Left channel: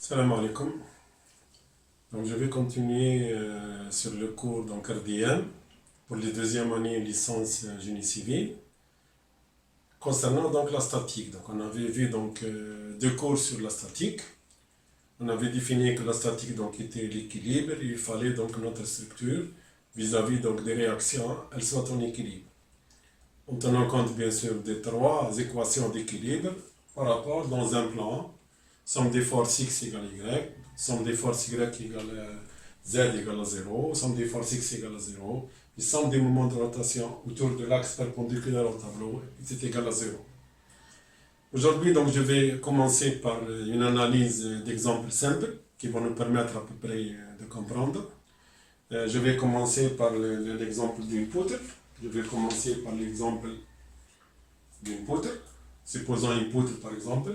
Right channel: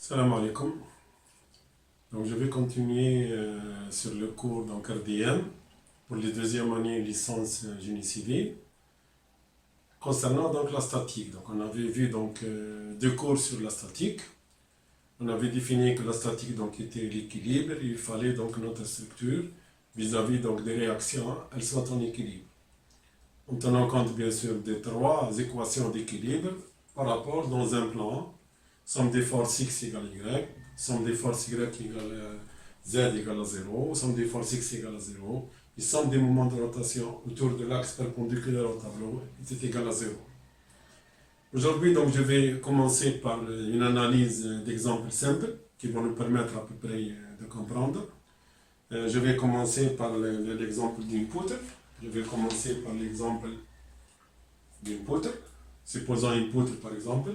Salam alaikum. Donc, je vais continuer sur le cours RDM pour les deuxième année licence génie civil concernant donc la statique. Donc, on avait vu deux cours sur la statique. On avait défini que la statique était l'équilibre. Il fallait donc notre structure vis-à-vis des réactions, elle soit en équilibre. En tenant compte bien sûr des trois équations d'équilibre par rapport dans un plan. Somme des forces x égale y, somme des forces y égale z égale à 0, somme des forces x égale à 0, et somme des moments de rotation autour de l'axe perpendiculaire au tableau est égal à 0. Aujourd'hui, je vais commencer par une analyse d'exemples simples qui vont nous permettre à peu près de comprendre. Je vais commencer par l'exemple d'une poutre. Je vais commencer par l'exemple d'une poutre. Supposons une poutre par exemple.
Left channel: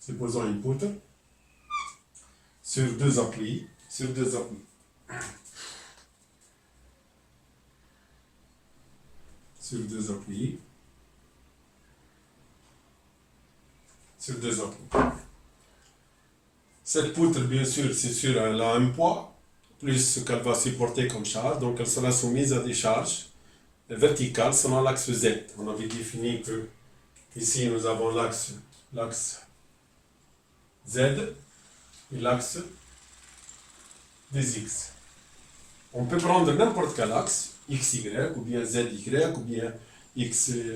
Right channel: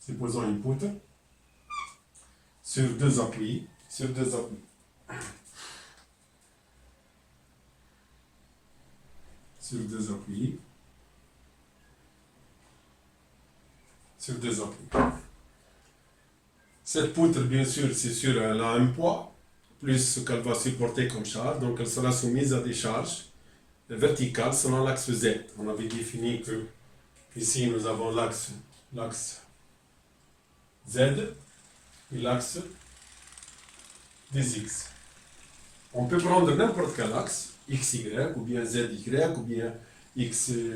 Supposons une poutre sur deux appuis, sur deux appuis. Sur deux appuis. Sur deux appuis. Cette poutre, bien sûr, c'est sûr, elle a un poids, plus ce qu'elle va supporter comme charge, donc elle sera soumise à des charges verticales selon l'axe Z. On avait défini que ici nous avons l'axe Z et l'axe des X. On peut prendre n'importe quel axe, XY, ou bien ZY, ou bien XYX.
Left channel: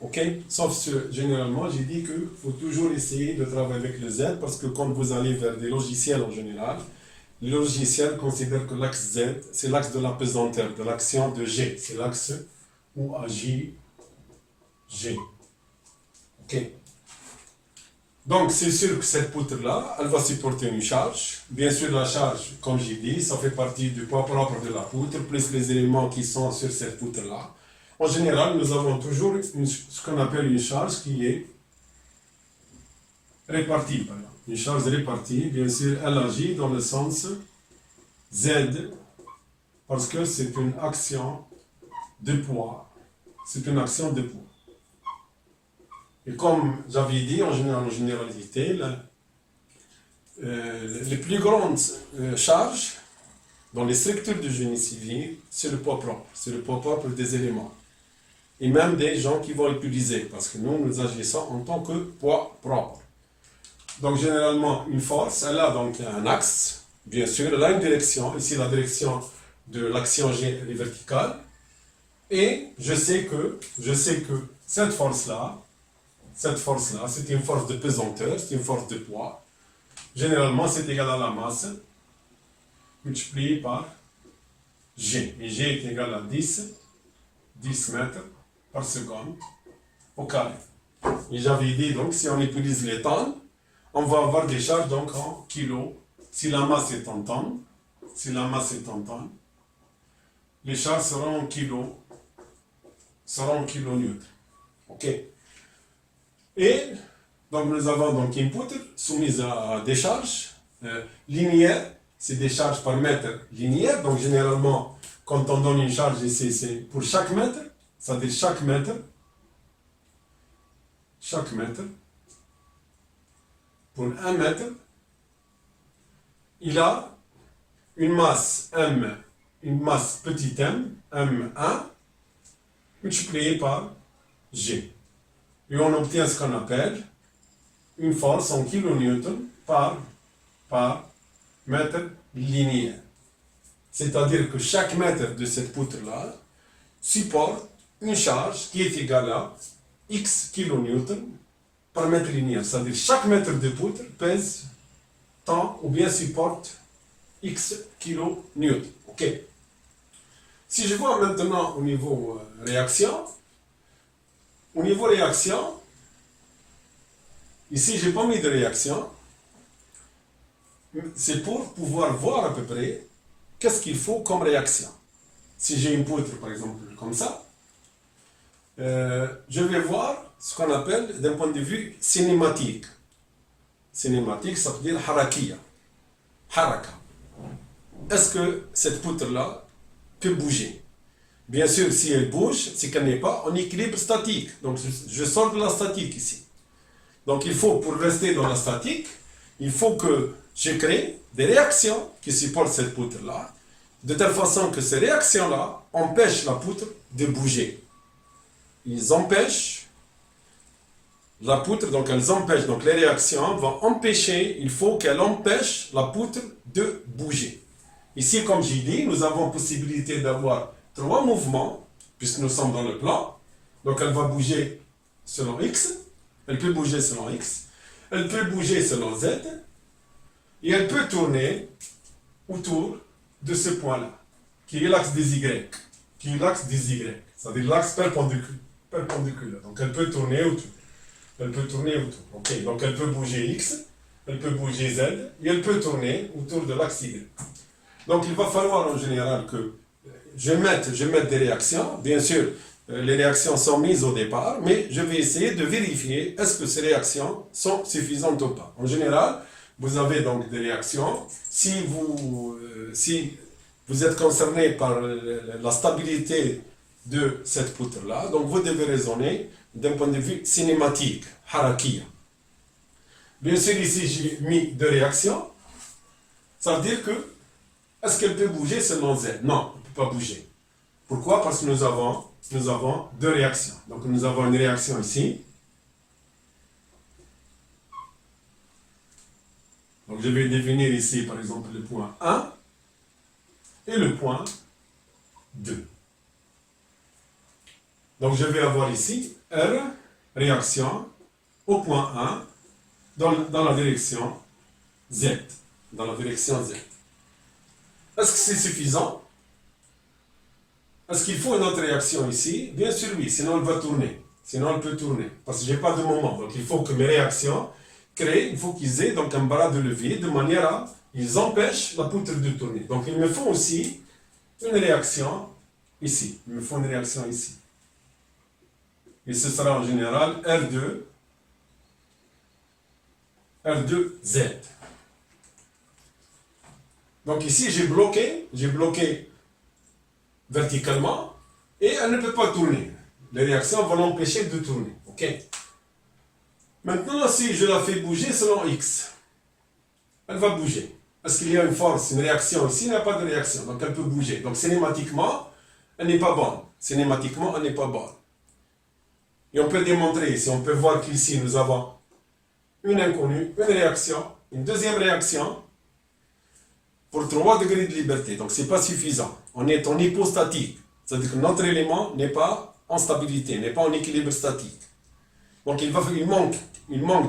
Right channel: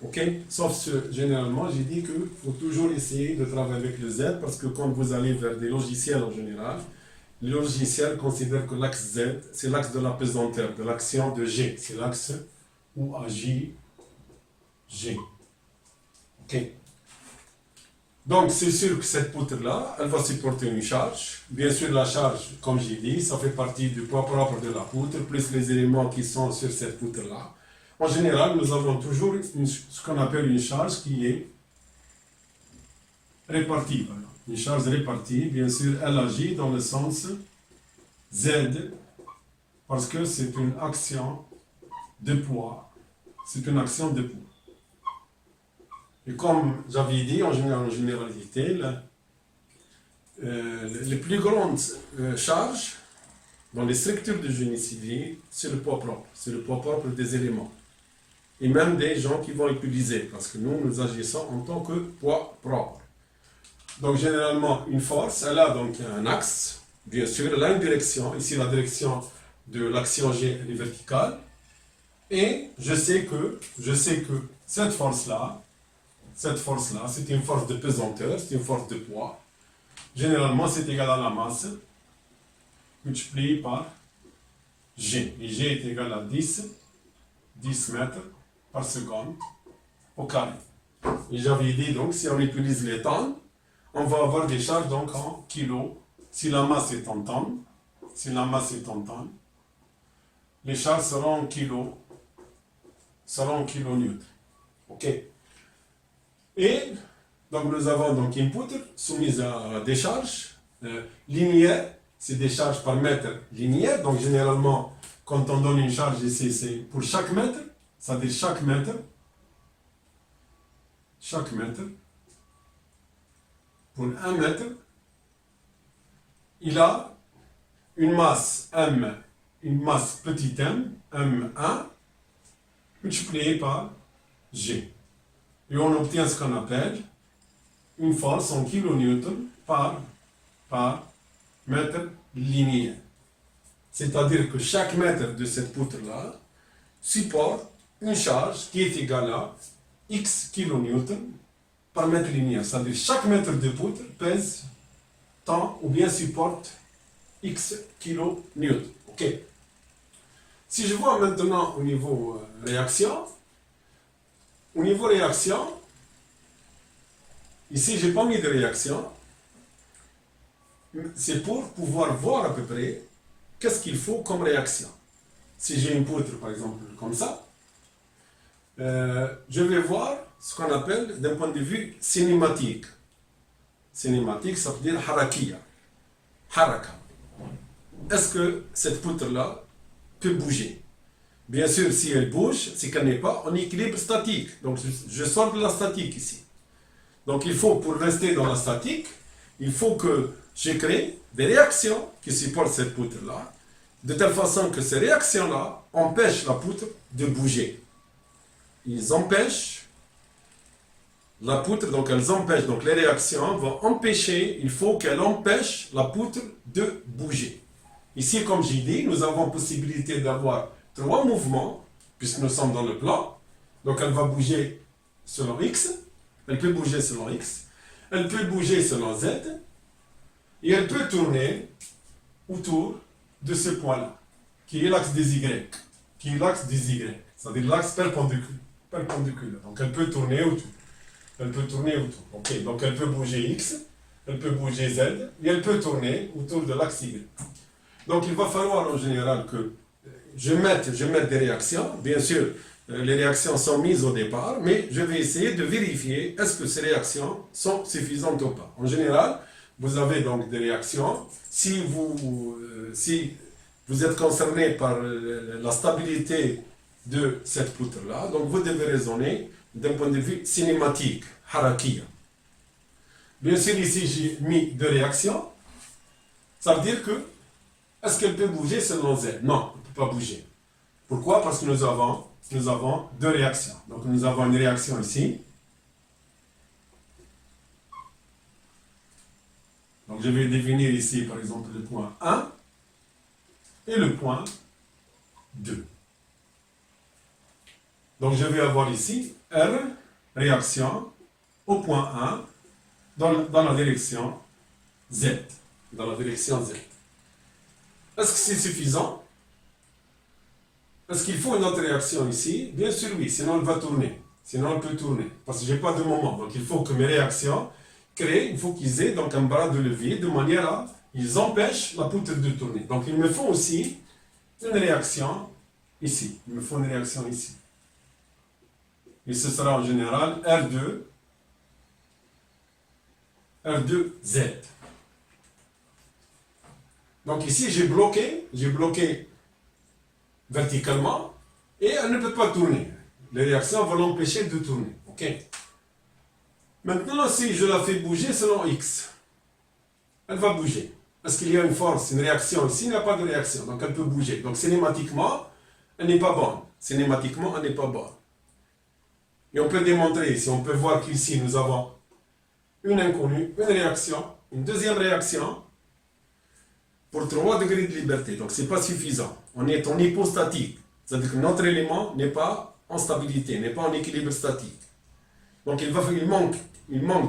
Ok? Sauf que généralement, j'ai dit qu'il faut toujours essayer de travailler avec le Z parce que quand vous allez vers des logiciels en général, les logiciels considèrent que l'axe Z, c'est l'axe de la pesanteur, de l'action de G. C'est l'axe où agit G. Ok? Donc, c'est sûr que cette poutre-là, elle va supporter une charge. Bien sûr, la charge, comme j'ai dit, ça fait partie du poids propre de la poutre, plus les éléments qui sont sur cette poutre-là. En général, nous avons toujours ce qu'on appelle une charge qui est répartie. Une charge répartie, bien sûr, elle agit dans le sens Z, parce que c'est une action de poids. C'est une action de poids. Et comme j'avais dit, en généralité, les plus grandes charges dans les structures de génie civil, c'est le poids propre. C'est le poids propre des éléments. Et même des gens qui vont utiliser, parce que nous agissons en tant que poids propre. Donc, généralement, une force, elle a donc un axe, bien sûr, elle a une direction. Ici, la direction de l'action G est verticale. Et je sais que cette force-là, c'est une force de pesanteur, c'est une force de poids. Généralement, c'est égal à la masse multipliée par G. Et G est égal à 10 mètres par seconde au carré. Et j'avais dit, si on utilise les tonnes, on va avoir des charges en kilos. Si la masse est en tonnes, les charges seront en kilonewtons. Ok? Et donc nous avons une poutre soumise à des charges linéaires, c'est des charges par mètre linéaire. Donc généralement, quand on donne une charge ici, c'est pour chaque mètre, c'est-à-dire chaque mètre, pour un mètre, il a une masse M, une masse petit m, M1, multipliée par G. Et on obtient ce qu'on appelle une force en kilonewtons par mètre linéaire. C'est-à-dire que chaque mètre de cette poutre-là supporte une charge qui est égale à X kilonewtons par mètre linéaire. C'est-à-dire chaque mètre de poutre pèse tant ou bien supporte X kilonewtons. Ok. Si je vois maintenant au niveau réaction, ici j'ai pas mis de réaction, c'est pour pouvoir voir à peu près qu'est-ce qu'il faut comme réaction. Si j'ai une poutre par exemple comme ça, je vais voir ce qu'on appelle d'un point de vue cinématique. Cinématique, ça veut dire harakiya. Haraka. Est-ce que cette poutre-là peut bouger? Bien sûr, si elle bouge, c'est qu'elle n'est pas en équilibre statique. Donc, je sors de la statique ici. Donc il faut, pour rester dans la statique, il faut que je crée des réactions qui supportent cette poutre-là, de telle façon que ces réactions-là empêchent la poutre de bouger. Ils empêchent la poutre, donc elles empêchent, donc les réactions vont empêcher, il faut qu'elles empêchent la poutre de bouger. Ici, comme j'ai dit, nous avons possibilité d'avoir 3 mouvements, puisque nous sommes dans le plan. Donc elle va bouger selon X, elle peut bouger selon X, elle peut bouger selon Z, et elle peut tourner autour de ce point-là, qui est l'axe des Y, c'est-à-dire l'axe perpendiculaire. Donc elle peut tourner autour. Ok, donc elle peut bouger X, elle peut bouger Z, et elle peut tourner autour de l'axe Y. Donc il va falloir en général que je mette des réactions. Bien sûr, les réactions sont mises au départ, mais je vais essayer de vérifier est-ce que ces réactions sont suffisantes ou pas. En général, vous avez donc des réactions. Si vous êtes concerné par la stabilité de cette poutre-là, donc vous devez raisonner d'un point de vue cinématique, harakiya. Bien sûr, ici j'ai mis 2 réactions. Ça veut dire que, est-ce qu'elle peut bouger selon Z? Non, elle ne peut pas bouger. Pourquoi? Parce que nous avons 2 réactions. Donc nous avons une réaction ici. Donc je vais définir ici par exemple le point 1 et le point 2. Donc je vais avoir ici R, réaction au point 1 dans la direction Z. Est-ce que c'est suffisant? Est-ce qu'il faut une autre réaction ici? Bien sûr oui, sinon elle va tourner. Sinon elle peut tourner. Parce que je n'ai pas de moment. Donc il faut que mes réactions créent, il faut qu'ils aient donc un bras de levier de manière à ils empêchent la poutre de tourner. Donc il me faut aussi une réaction ici. Et ce sera en général R2Z. Donc ici, j'ai bloqué verticalement et elle ne peut pas tourner. Les réactions vont l'empêcher de tourner. Ok. Maintenant, si je la fais bouger selon X, elle va bouger. Est-ce qu'il y a une force, une réaction ici? Il n'y a pas de réaction, donc elle peut bouger. Donc cinématiquement, elle n'est pas bonne. Et on peut démontrer ici, on peut voir qu'ici nous avons une inconnue, une réaction, une deuxième réaction pour 3 degrés de liberté. Donc ce n'est pas suffisant. On est en hypostatique. C'est-à-dire que notre élément n'est pas en stabilité, n'est pas en équilibre statique. Donc il manque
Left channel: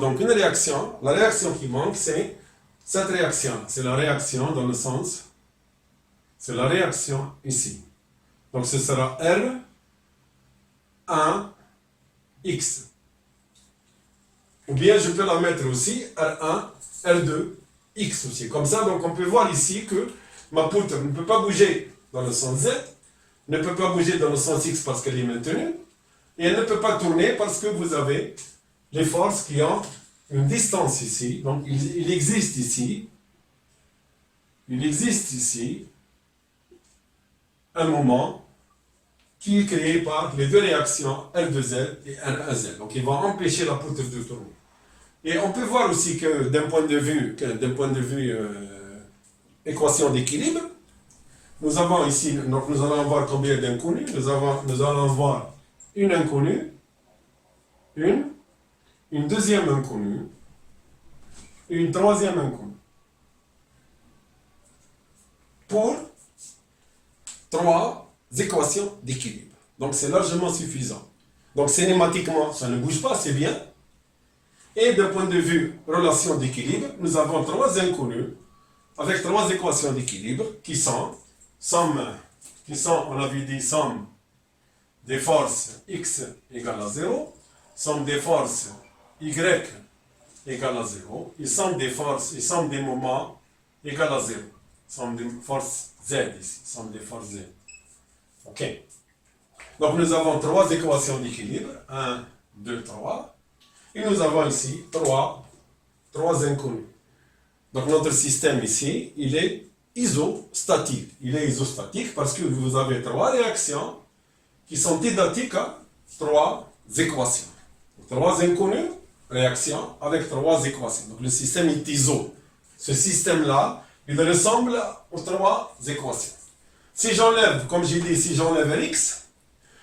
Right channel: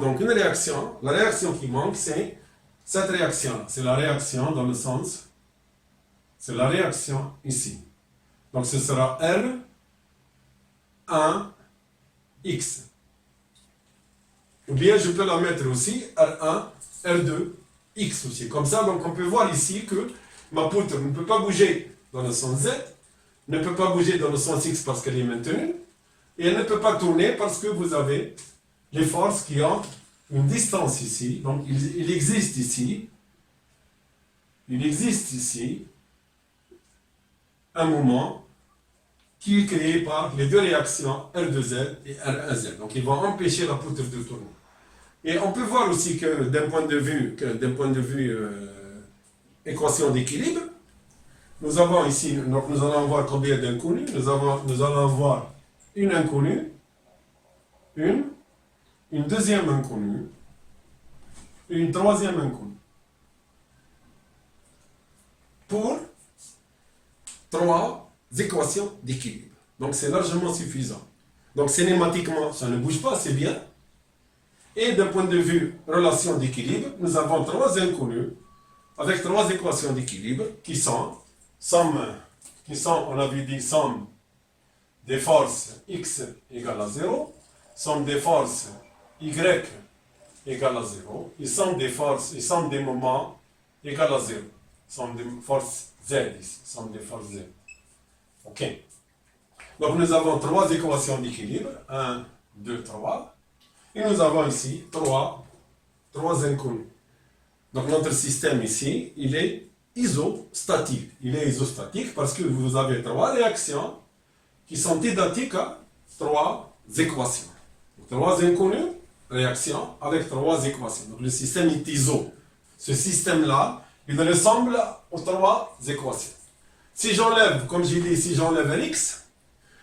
donc une réaction. La réaction qui manque, c'est cette réaction. C'est la réaction dans le sens, c'est la réaction ici. Donc ce sera R1X. Ou bien je peux la mettre aussi R1, R2X aussi. Comme ça, donc on peut voir ici que ma poutre ne peut pas bouger dans le sens Z, ne peut pas bouger dans le sens X parce qu'elle est maintenue, et elle ne peut pas tourner parce que vous avez les forces qui ont une distance ici. Donc il existe ici un moment qui est créé par les 2 réactions R2Z et R1Z. Donc ils vont empêcher la poutre de tourner. Et on peut voir aussi que d'un point de vue équation d'équilibre, nous avons ici, donc nous allons voir combien d'inconnus. Nous allons voir une inconnue, une deuxième inconnue, et une troisième inconnue. Pour 3 équations d'équilibre. Donc c'est largement suffisant. Donc cinématiquement, ça ne bouge pas, c'est bien. Et d'un point de vue relation d'équilibre, nous avons 3 inconnus avec 3 équations d'équilibre qui sont, on avait dit, somme des forces x égale à 0, somme des forces y égale à 0, et somme des moments égale à 0. Somme des forces z ici, somme des forces z. Ok. Donc nous avons 3 équations d'équilibre, 1, 2, 3. Et nous avons ici 3 inconnus. Donc notre système ici, il est isostatique. Il est isostatique parce que vous avez 3 réactions qui sont identiques à 3 équations. 3 inconnus, réactions avec 3 équations. Donc le système est iso. Ce système-là, il ressemble aux 3 équations. Si j'enlève, comme j'ai dit, si j'enlève Rx,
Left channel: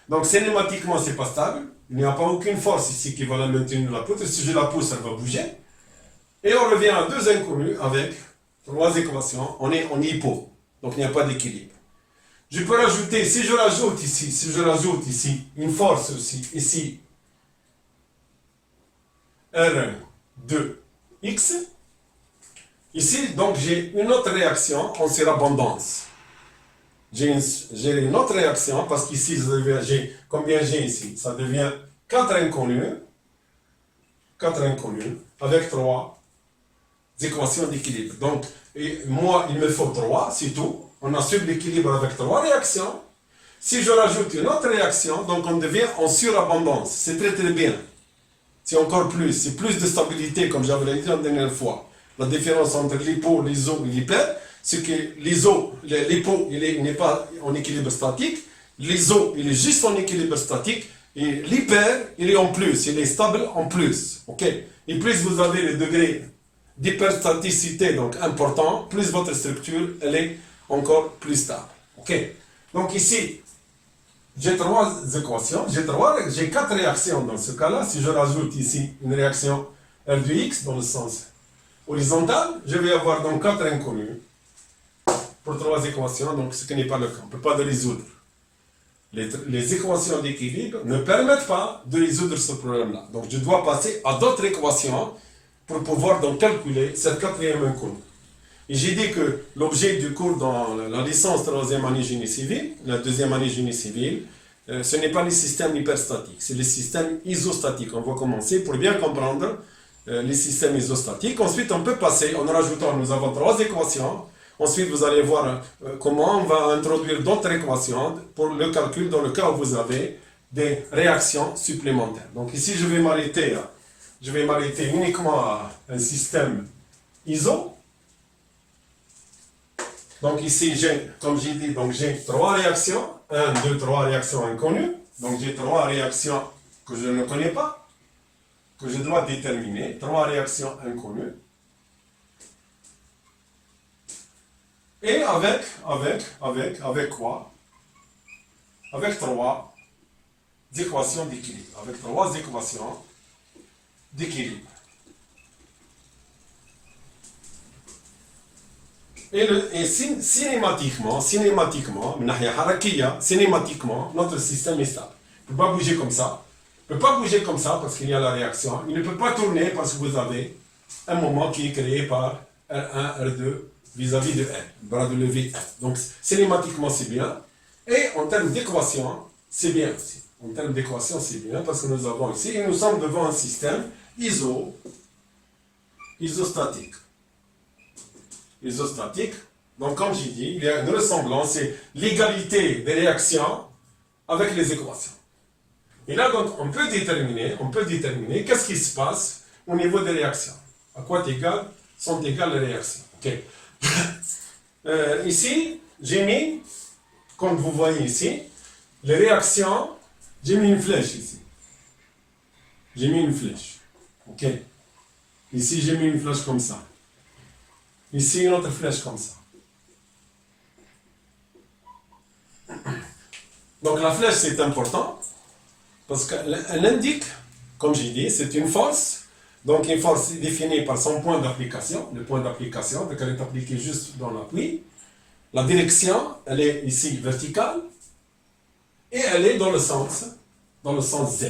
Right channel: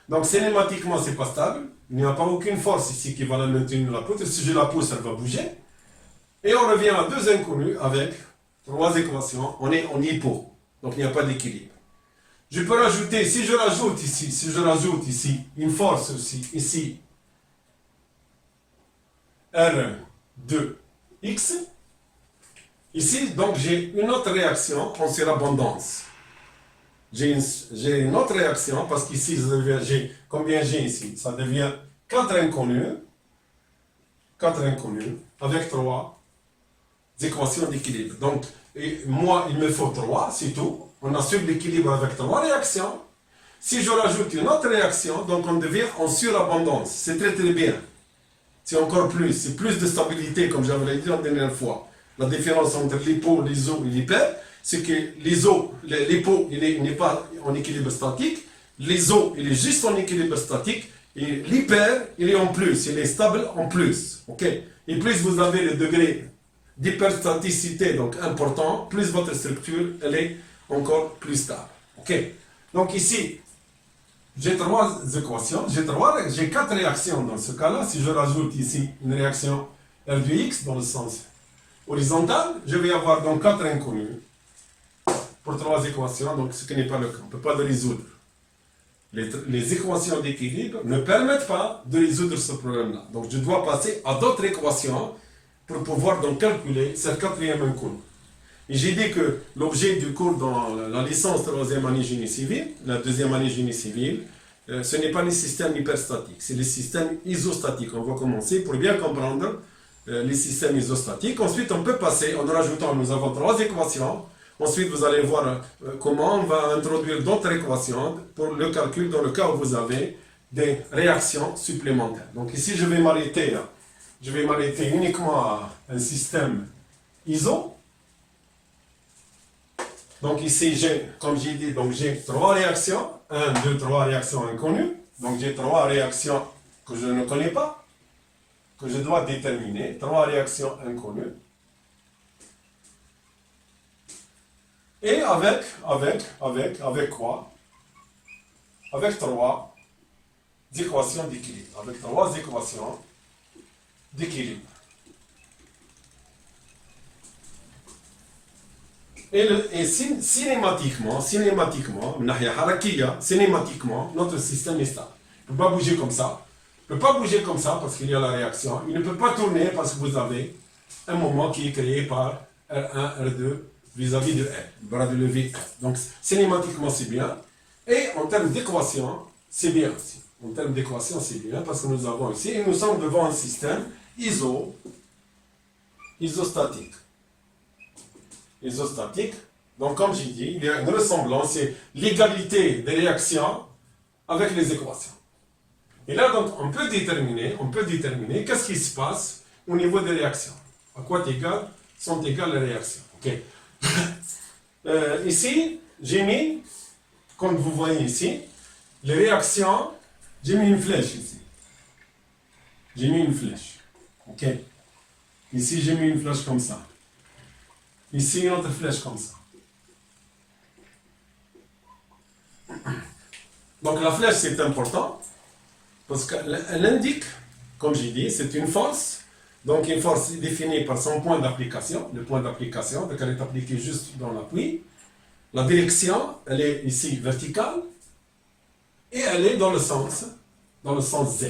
donc cinématiquement, c'est pas stable. Il n'y a pas aucune force ici qui va la maintenir la poutre. Si je la pousse, elle va bouger. Et on revient à 2 inconnus avec 3 équations. On est en hypo. Donc il n'y a pas d'équilibre. Je peux rajouter, si je rajoute ici une force aussi, ici, R2X. Ici, donc j'ai une autre réaction en surabondance. J'ai une autre réaction parce qu'ici, combien j'ai ici? Ça devient 4 inconnus avec 3 équations d'équilibre. Donc, moi, il me faut 3, c'est tout. On assure l'équilibre avec 3 réactions. Si je rajoute une autre réaction, donc on devient en surabondance. C'est très très bien. C'est encore plus. C'est plus de stabilité, comme j'avais dit la dernière fois. La différence entre l'hypo, l'iso et l'hyper, c'est que l'hypo, il n'est pas en équilibre statique. L'iso, il est juste en équilibre statique. Et l'hyper, il est en plus. Il est stable en plus. Ok? Et plus vous avez le degré d'hyperstaticité, donc important, plus votre structure, elle est encore plus stable. Ok? Donc ici, j'ai 3 équations, j'ai 4 réactions dans ce cas-là. Si je rajoute ici une réaction R de X dans le sens horizontal, je vais avoir donc 4 inconnus pour 3 équations, donc ce qui n'est pas le cas. On ne peut pas les résoudre. Les équations d'équilibre ne permettent pas de résoudre ce problème-là. Donc je dois passer à d'autres équations pour pouvoir donc calculer cette 4e inconnue. Et j'ai dit que l'objet du cours dans la licence 3e année génie civil, la 2e année génie civil, ce n'est pas les systèmes hyperstatiques, c'est les systèmes isostatiques. On va commencer pour bien comprendre les systèmes isostatiques. Ensuite, on peut passer, en rajoutant, nous avons 3 équations. Ensuite, vous allez voir comment on va introduire d'autres équations pour le calcul dans le cas où vous avez des réactions supplémentaires. Donc ici, je vais m'arrêter uniquement à un système iso. Donc ici, comme j'ai dit, j'ai 3 réactions. 1, 2, 3 réactions inconnues. Donc j'ai 3 réactions que je ne connais pas, que je dois déterminer. 3 réactions inconnues. Et avec quoi? Avec 3 équations d'équilibre. Avec 3 équations d'équilibre. Et cinématiquement, notre système est stable. Il ne peut pas bouger comme ça. Il ne peut pas bouger comme ça parce qu'il y a la réaction. Il ne peut pas tourner parce que vous avez un moment qui est créé par R1, R2 vis-à-vis de N, le bras de levée N. Donc, cinématiquement, c'est bien. Et en termes d'équation, c'est bien aussi. En termes d'équation, c'est bien parce que nous avons ici, et nous sommes devant un système isostatique. Isostatique. Donc, comme j'ai dit, il y a une ressemblance, c'est l'égalité des réactions avec les équations. Et là, donc, on peut déterminer qu'est-ce qui se passe au niveau des réactions. À quoi sont égales les réactions. Ok. Ici, j'ai mis, comme vous voyez ici, les réactions, j'ai mis une flèche ici. J'ai mis une flèche. Ok. Ici, j'ai mis une flèche comme ça. Ici, une autre flèche comme ça. Donc la flèche, c'est important parce qu'elle indique, comme j'ai dit, c'est une force. Donc une force définie par son point d'application. Le point d'application, donc elle est appliquée juste dans l'appui. La direction, elle est ici verticale. Et elle est dans le sens Z.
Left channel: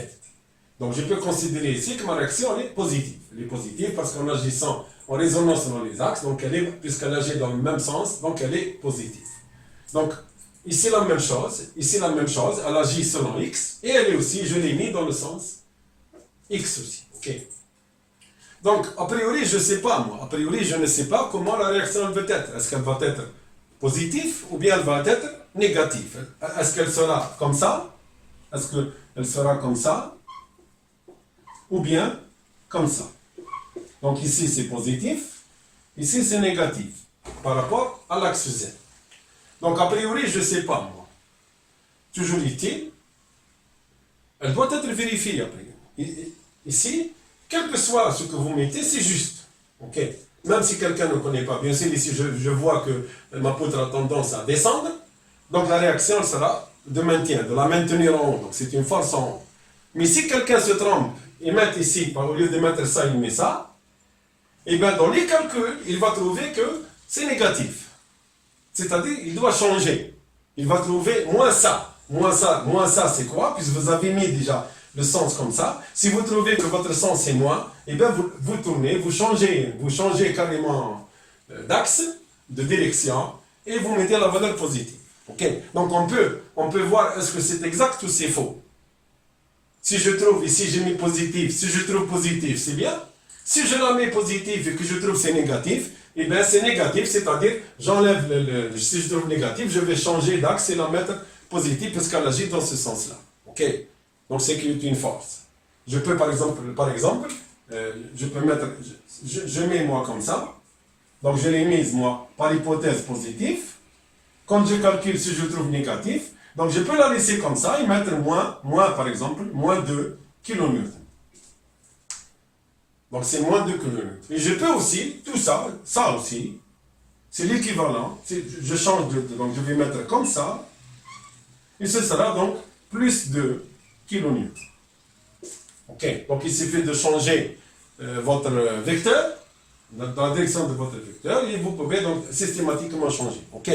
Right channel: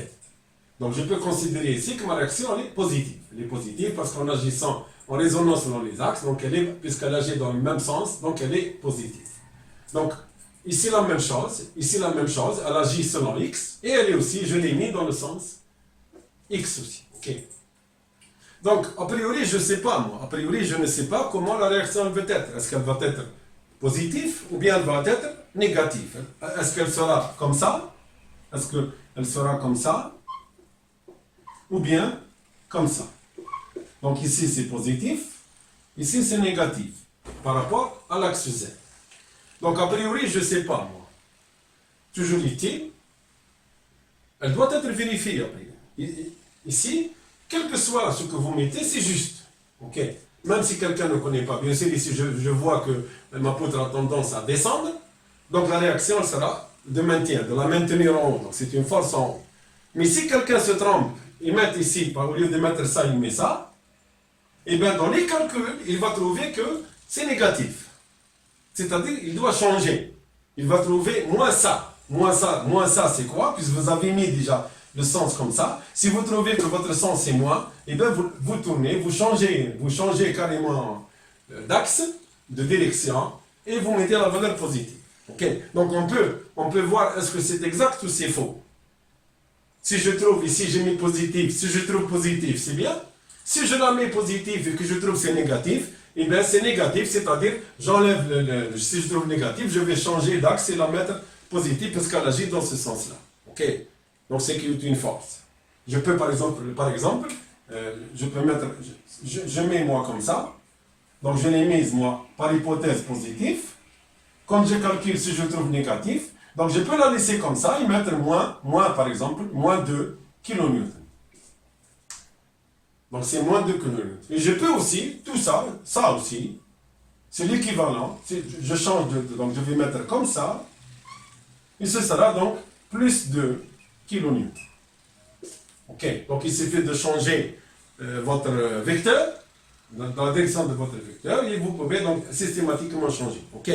Donc je peux considérer ici que ma réaction elle est positive. Elle est positive parce qu'en agissant en résonance dans les axes, donc puisqu'elle agit dans le même sens, donc elle est positive. Donc ici la même chose, elle agit selon X, et elle est aussi, je l'ai mis dans le sens X aussi. Okay. Donc a priori je ne sais pas moi, je ne sais pas comment la réaction elle va être. Est-ce qu'elle va être positive ou bien elle va être négative? Est-ce qu'elle sera comme ça? Est-ce qu'elle sera comme ça? Ou bien comme ça. Donc ici c'est positif, ici c'est négatif par rapport à l'axe Z. Donc a priori je ne sais pas moi. Toujours est-il, elle doit être vérifiée après. Ici, quel que soit ce que vous mettez, c'est juste. Ok. Même si quelqu'un ne connaît pas. Bien sûr, ici, je vois que ma poutre a tendance à descendre. Donc la réaction elle sera de maintien, de la maintenir en haut. Donc c'est une force en haut. Mais si quelqu'un se trompe, il met ici, au lieu de mettre ça, il met ça, et bien dans les calculs, il va trouver que c'est négatif. C'est-à-dire, il doit changer. Il va trouver moins ça. Moins ça, c'est quoi? Puisque vous avez mis déjà le sens comme ça. Si vous trouvez que votre sens est moins, et bien vous tournez, vous changez carrément d'axe, de direction, et vous mettez la valeur positive. Okay. Donc on peut voir est-ce que c'est exact ou c'est faux. Si je trouve ici j'ai mis positif, si je trouve positif c'est bien. Si je la mets positif et que je trouve c'est négatif, et bien c'est négatif, c'est-à-dire j'enlève si je trouve négatif, je vais changer d'axe et la mettre positive parce qu'elle agit dans ce sens-là. Ok. Donc c'est une force. Je peux par exemple, je peux mettre, je mets moi comme ça. Donc je l'ai mise moi par hypothèse positive. Quand je calcule si je trouve négatif, donc je peux la laisser comme ça et mettre moins par exemple, moins 2 kN. Donc c'est moins 2 kN. Et je peux aussi, tout ça, ça aussi, c'est l'équivalent. Je change donc je vais mettre comme ça. Et ce sera donc plus 2 kN. Ok, donc il suffit de changer votre vecteur, dans la direction de votre vecteur, et vous pouvez donc systématiquement changer. Ok.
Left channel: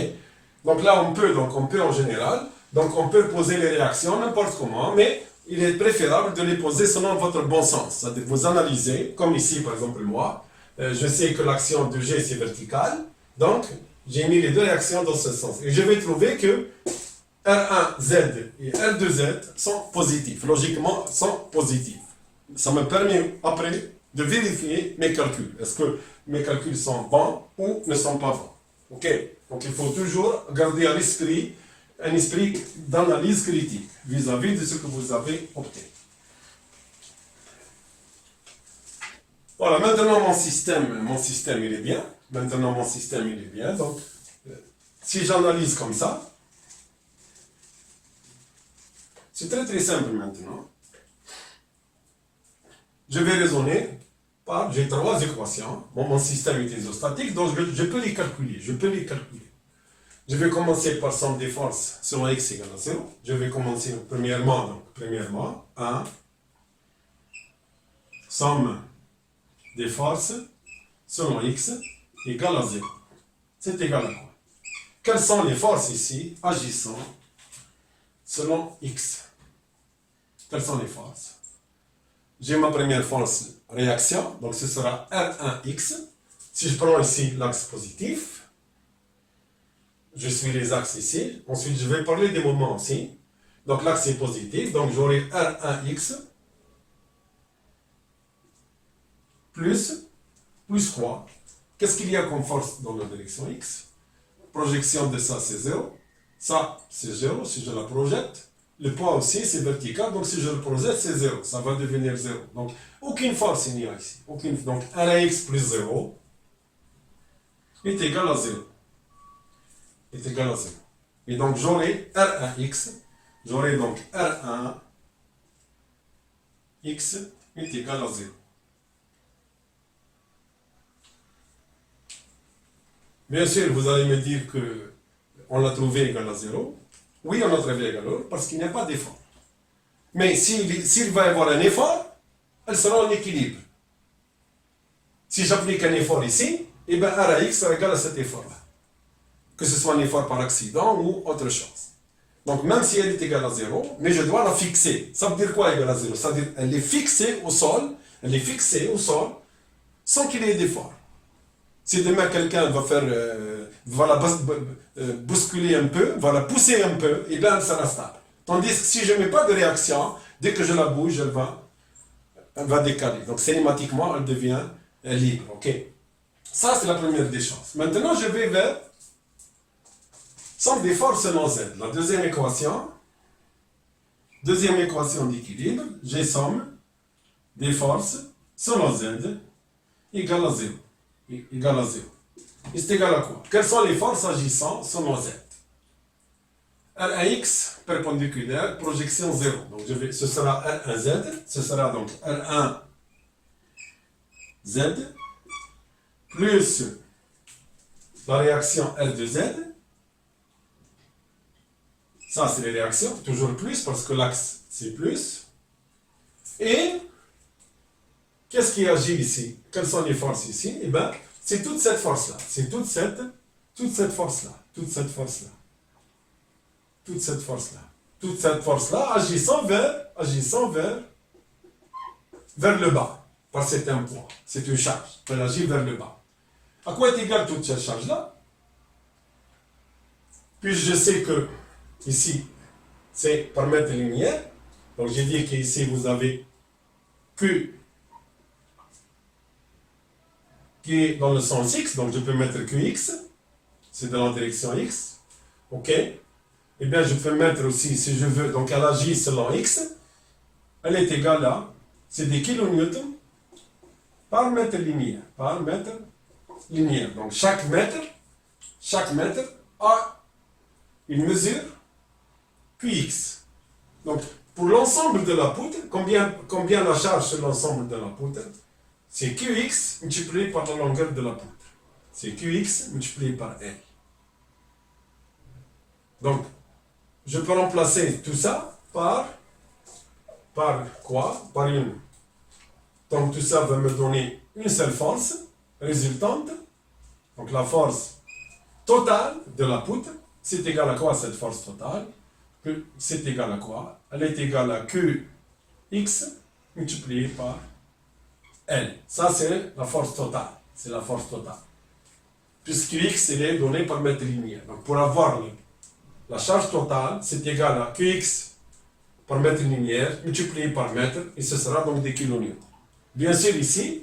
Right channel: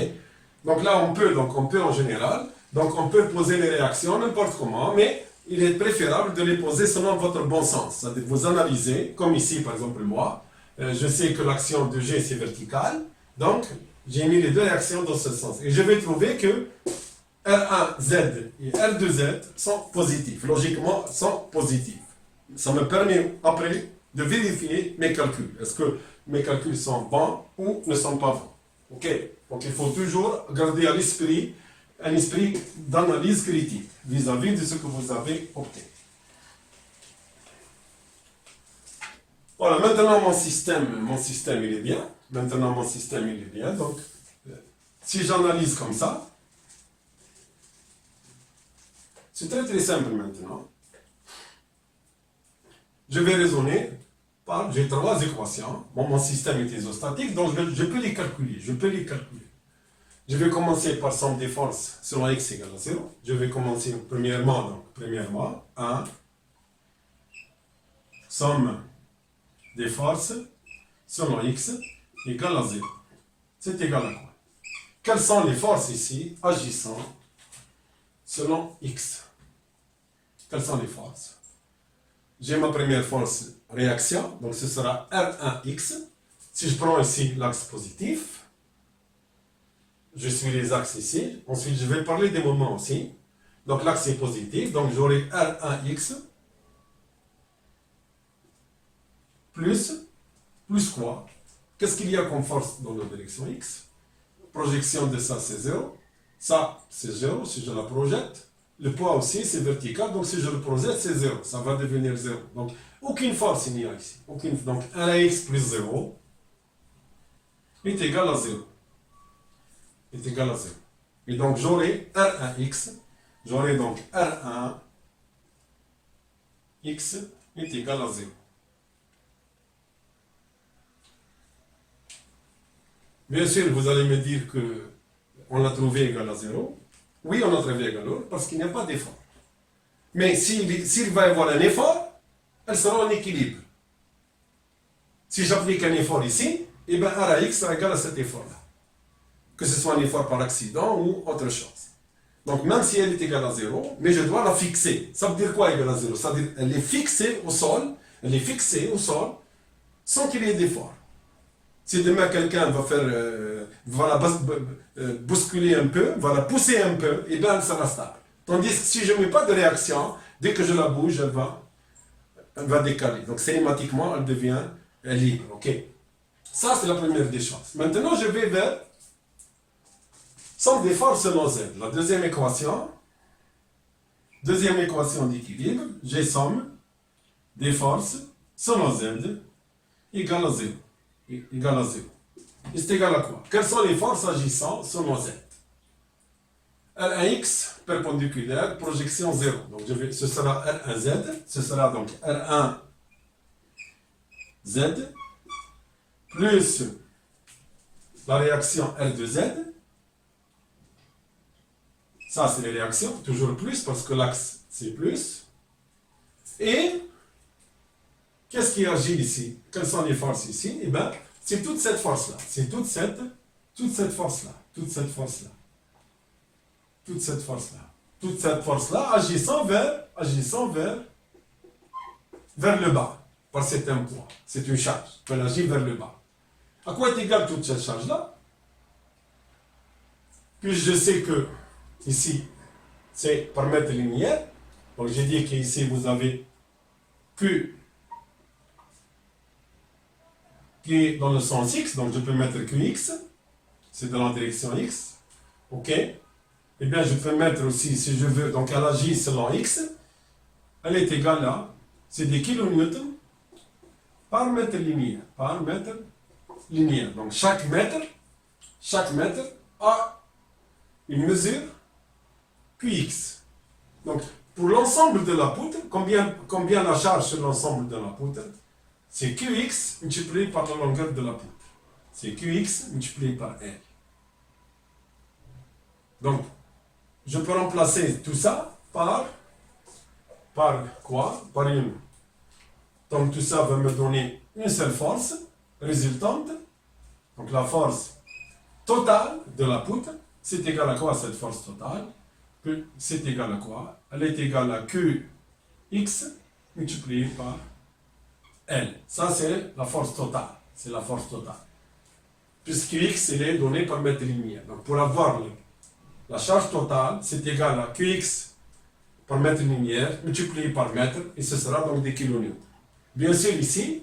Donc là, on peut en général, donc on peut poser les réactions n'importe comment, mais il est préférable de les poser selon votre bon sens. C'est-à-dire vous analysez, comme ici par exemple moi, je sais que l'action de G c'est vertical, donc j'ai mis les deux réactions dans ce sens. Et je vais trouver que R1Z et R2Z sont positifs, logiquement sont positifs. Ça me permet après de vérifier mes calculs. Est-ce que mes calculs sont bons ou ne sont pas bons? Ok. Donc il faut toujours garder à l'esprit un esprit d'analyse critique vis-à-vis de ce que vous avez opté. Voilà, maintenant mon système il est bien. Maintenant mon système il est bien. Donc si j'analyse comme ça, c'est très très simple maintenant. Je vais raisonner par, j'ai trois équations. Bon, mon système est isostatique, donc je peux les calculer. Je vais commencer par somme des forces selon x égale à 0. Je vais commencer premièrement, 1, somme des forces selon x égale à 0. C'est égal à quoi? Quelles sont les forces ici agissant selon x? Quelles sont les forces? J'ai ma première force réaction, donc ce sera R1x. Si je prends ici l'axe positif, je suis les axes ici. Ensuite, je vais parler des moments aussi. Donc l'axe est positif, donc j'aurai R1x plus quoi? Qu'est-ce qu'il y a comme force dans la direction x? Projection de ça, c'est 0. Ça, c'est 0 si je la projette. Le poids aussi, c'est vertical, donc si je le projette, c'est 0. Ça va devenir 0. Donc, aucune force il n'y a ici. Donc, 1x plus 0 est égal à 0. Et donc, j'aurai R1x. J'aurai donc R1x est égal à 0. Bien sûr, vous allez me dire qu'on l'a trouvé égal à 0. Oui, on a trouvé égal à 0 parce qu'il n'y a pas d'effort. Mais s'il va y avoir un effort, elle sera en équilibre. Si j'applique un effort ici, eh bien R à x sera égal à cet effort-là. Que ce soit un effort par accident ou autre chose. Donc même si elle est égale à 0, mais je dois la fixer. Ça veut dire quoi égale à 0? Ça veut dire qu'elle est fixée au sol, sans qu'il y ait d'effort. Si demain quelqu'un va la bousculer un peu, va la pousser un peu, et bien elle sera stable. Tandis que si je ne mets pas de réaction, dès que je la bouge, elle va décaler. Donc cinématiquement, elle devient libre. Ok. Ça, c'est la première des choses. Maintenant, je vais vers somme des forces selon Z. La deuxième équation d'équilibre, j'ai somme des forces selon Z égale à 0. Et c'est égal à quoi? Quelles sont les forces agissant selon Z? R1x perpendiculaire, projection 0. Donc ce sera R1Z, ce sera donc R1 Z plus la réaction R2Z. Ça, c'est les réactions, toujours plus, parce que l'axe, c'est plus. Et, qu'est-ce qui agit ici? Quelles sont les forces ici? Eh bien, c'est toute cette force-là. C'est toute cette force-là. Toute cette force-là. Toute cette force-là. Toute cette force-là agissant vers le bas, par cet un poids. C'est une charge. Elle agit vers le bas. À quoi est égale toute cette charge-là? Puis je sais que ici, c'est par mètre linéaire. Donc j'ai dit qu'ici, vous avez Q qui est dans le sens X. Donc je peux mettre QX. C'est dans la direction X. OK? Eh bien, je peux mettre aussi, si je veux, donc elle agit selon X. Elle est égale à, c'est des kilonewtons par mètre linéaire. Par mètre linéaire. Donc chaque mètre a une mesure QX. Donc pour l'ensemble de la poutre, combien la charge sur l'ensemble de la poutre? C'est QX multiplié par la longueur de la poutre. C'est QX multiplié par L. Donc, je peux remplacer tout ça par quoi? Par une. Donc tout ça va me donner une seule force résultante. Donc la force totale de la poutre, c'est égal à quoi cette force totale? C'est égal à quoi? Elle est égale à QX multiplié par L. Ça, c'est la force totale. C'est la force totale. Puisque X, il est donné par mètre linéaire. Donc, pour avoir la charge totale, c'est égal à QX par mètre linéaire multiplié par mètre, et ce sera donc des kilonewtons. Bien sûr, ici,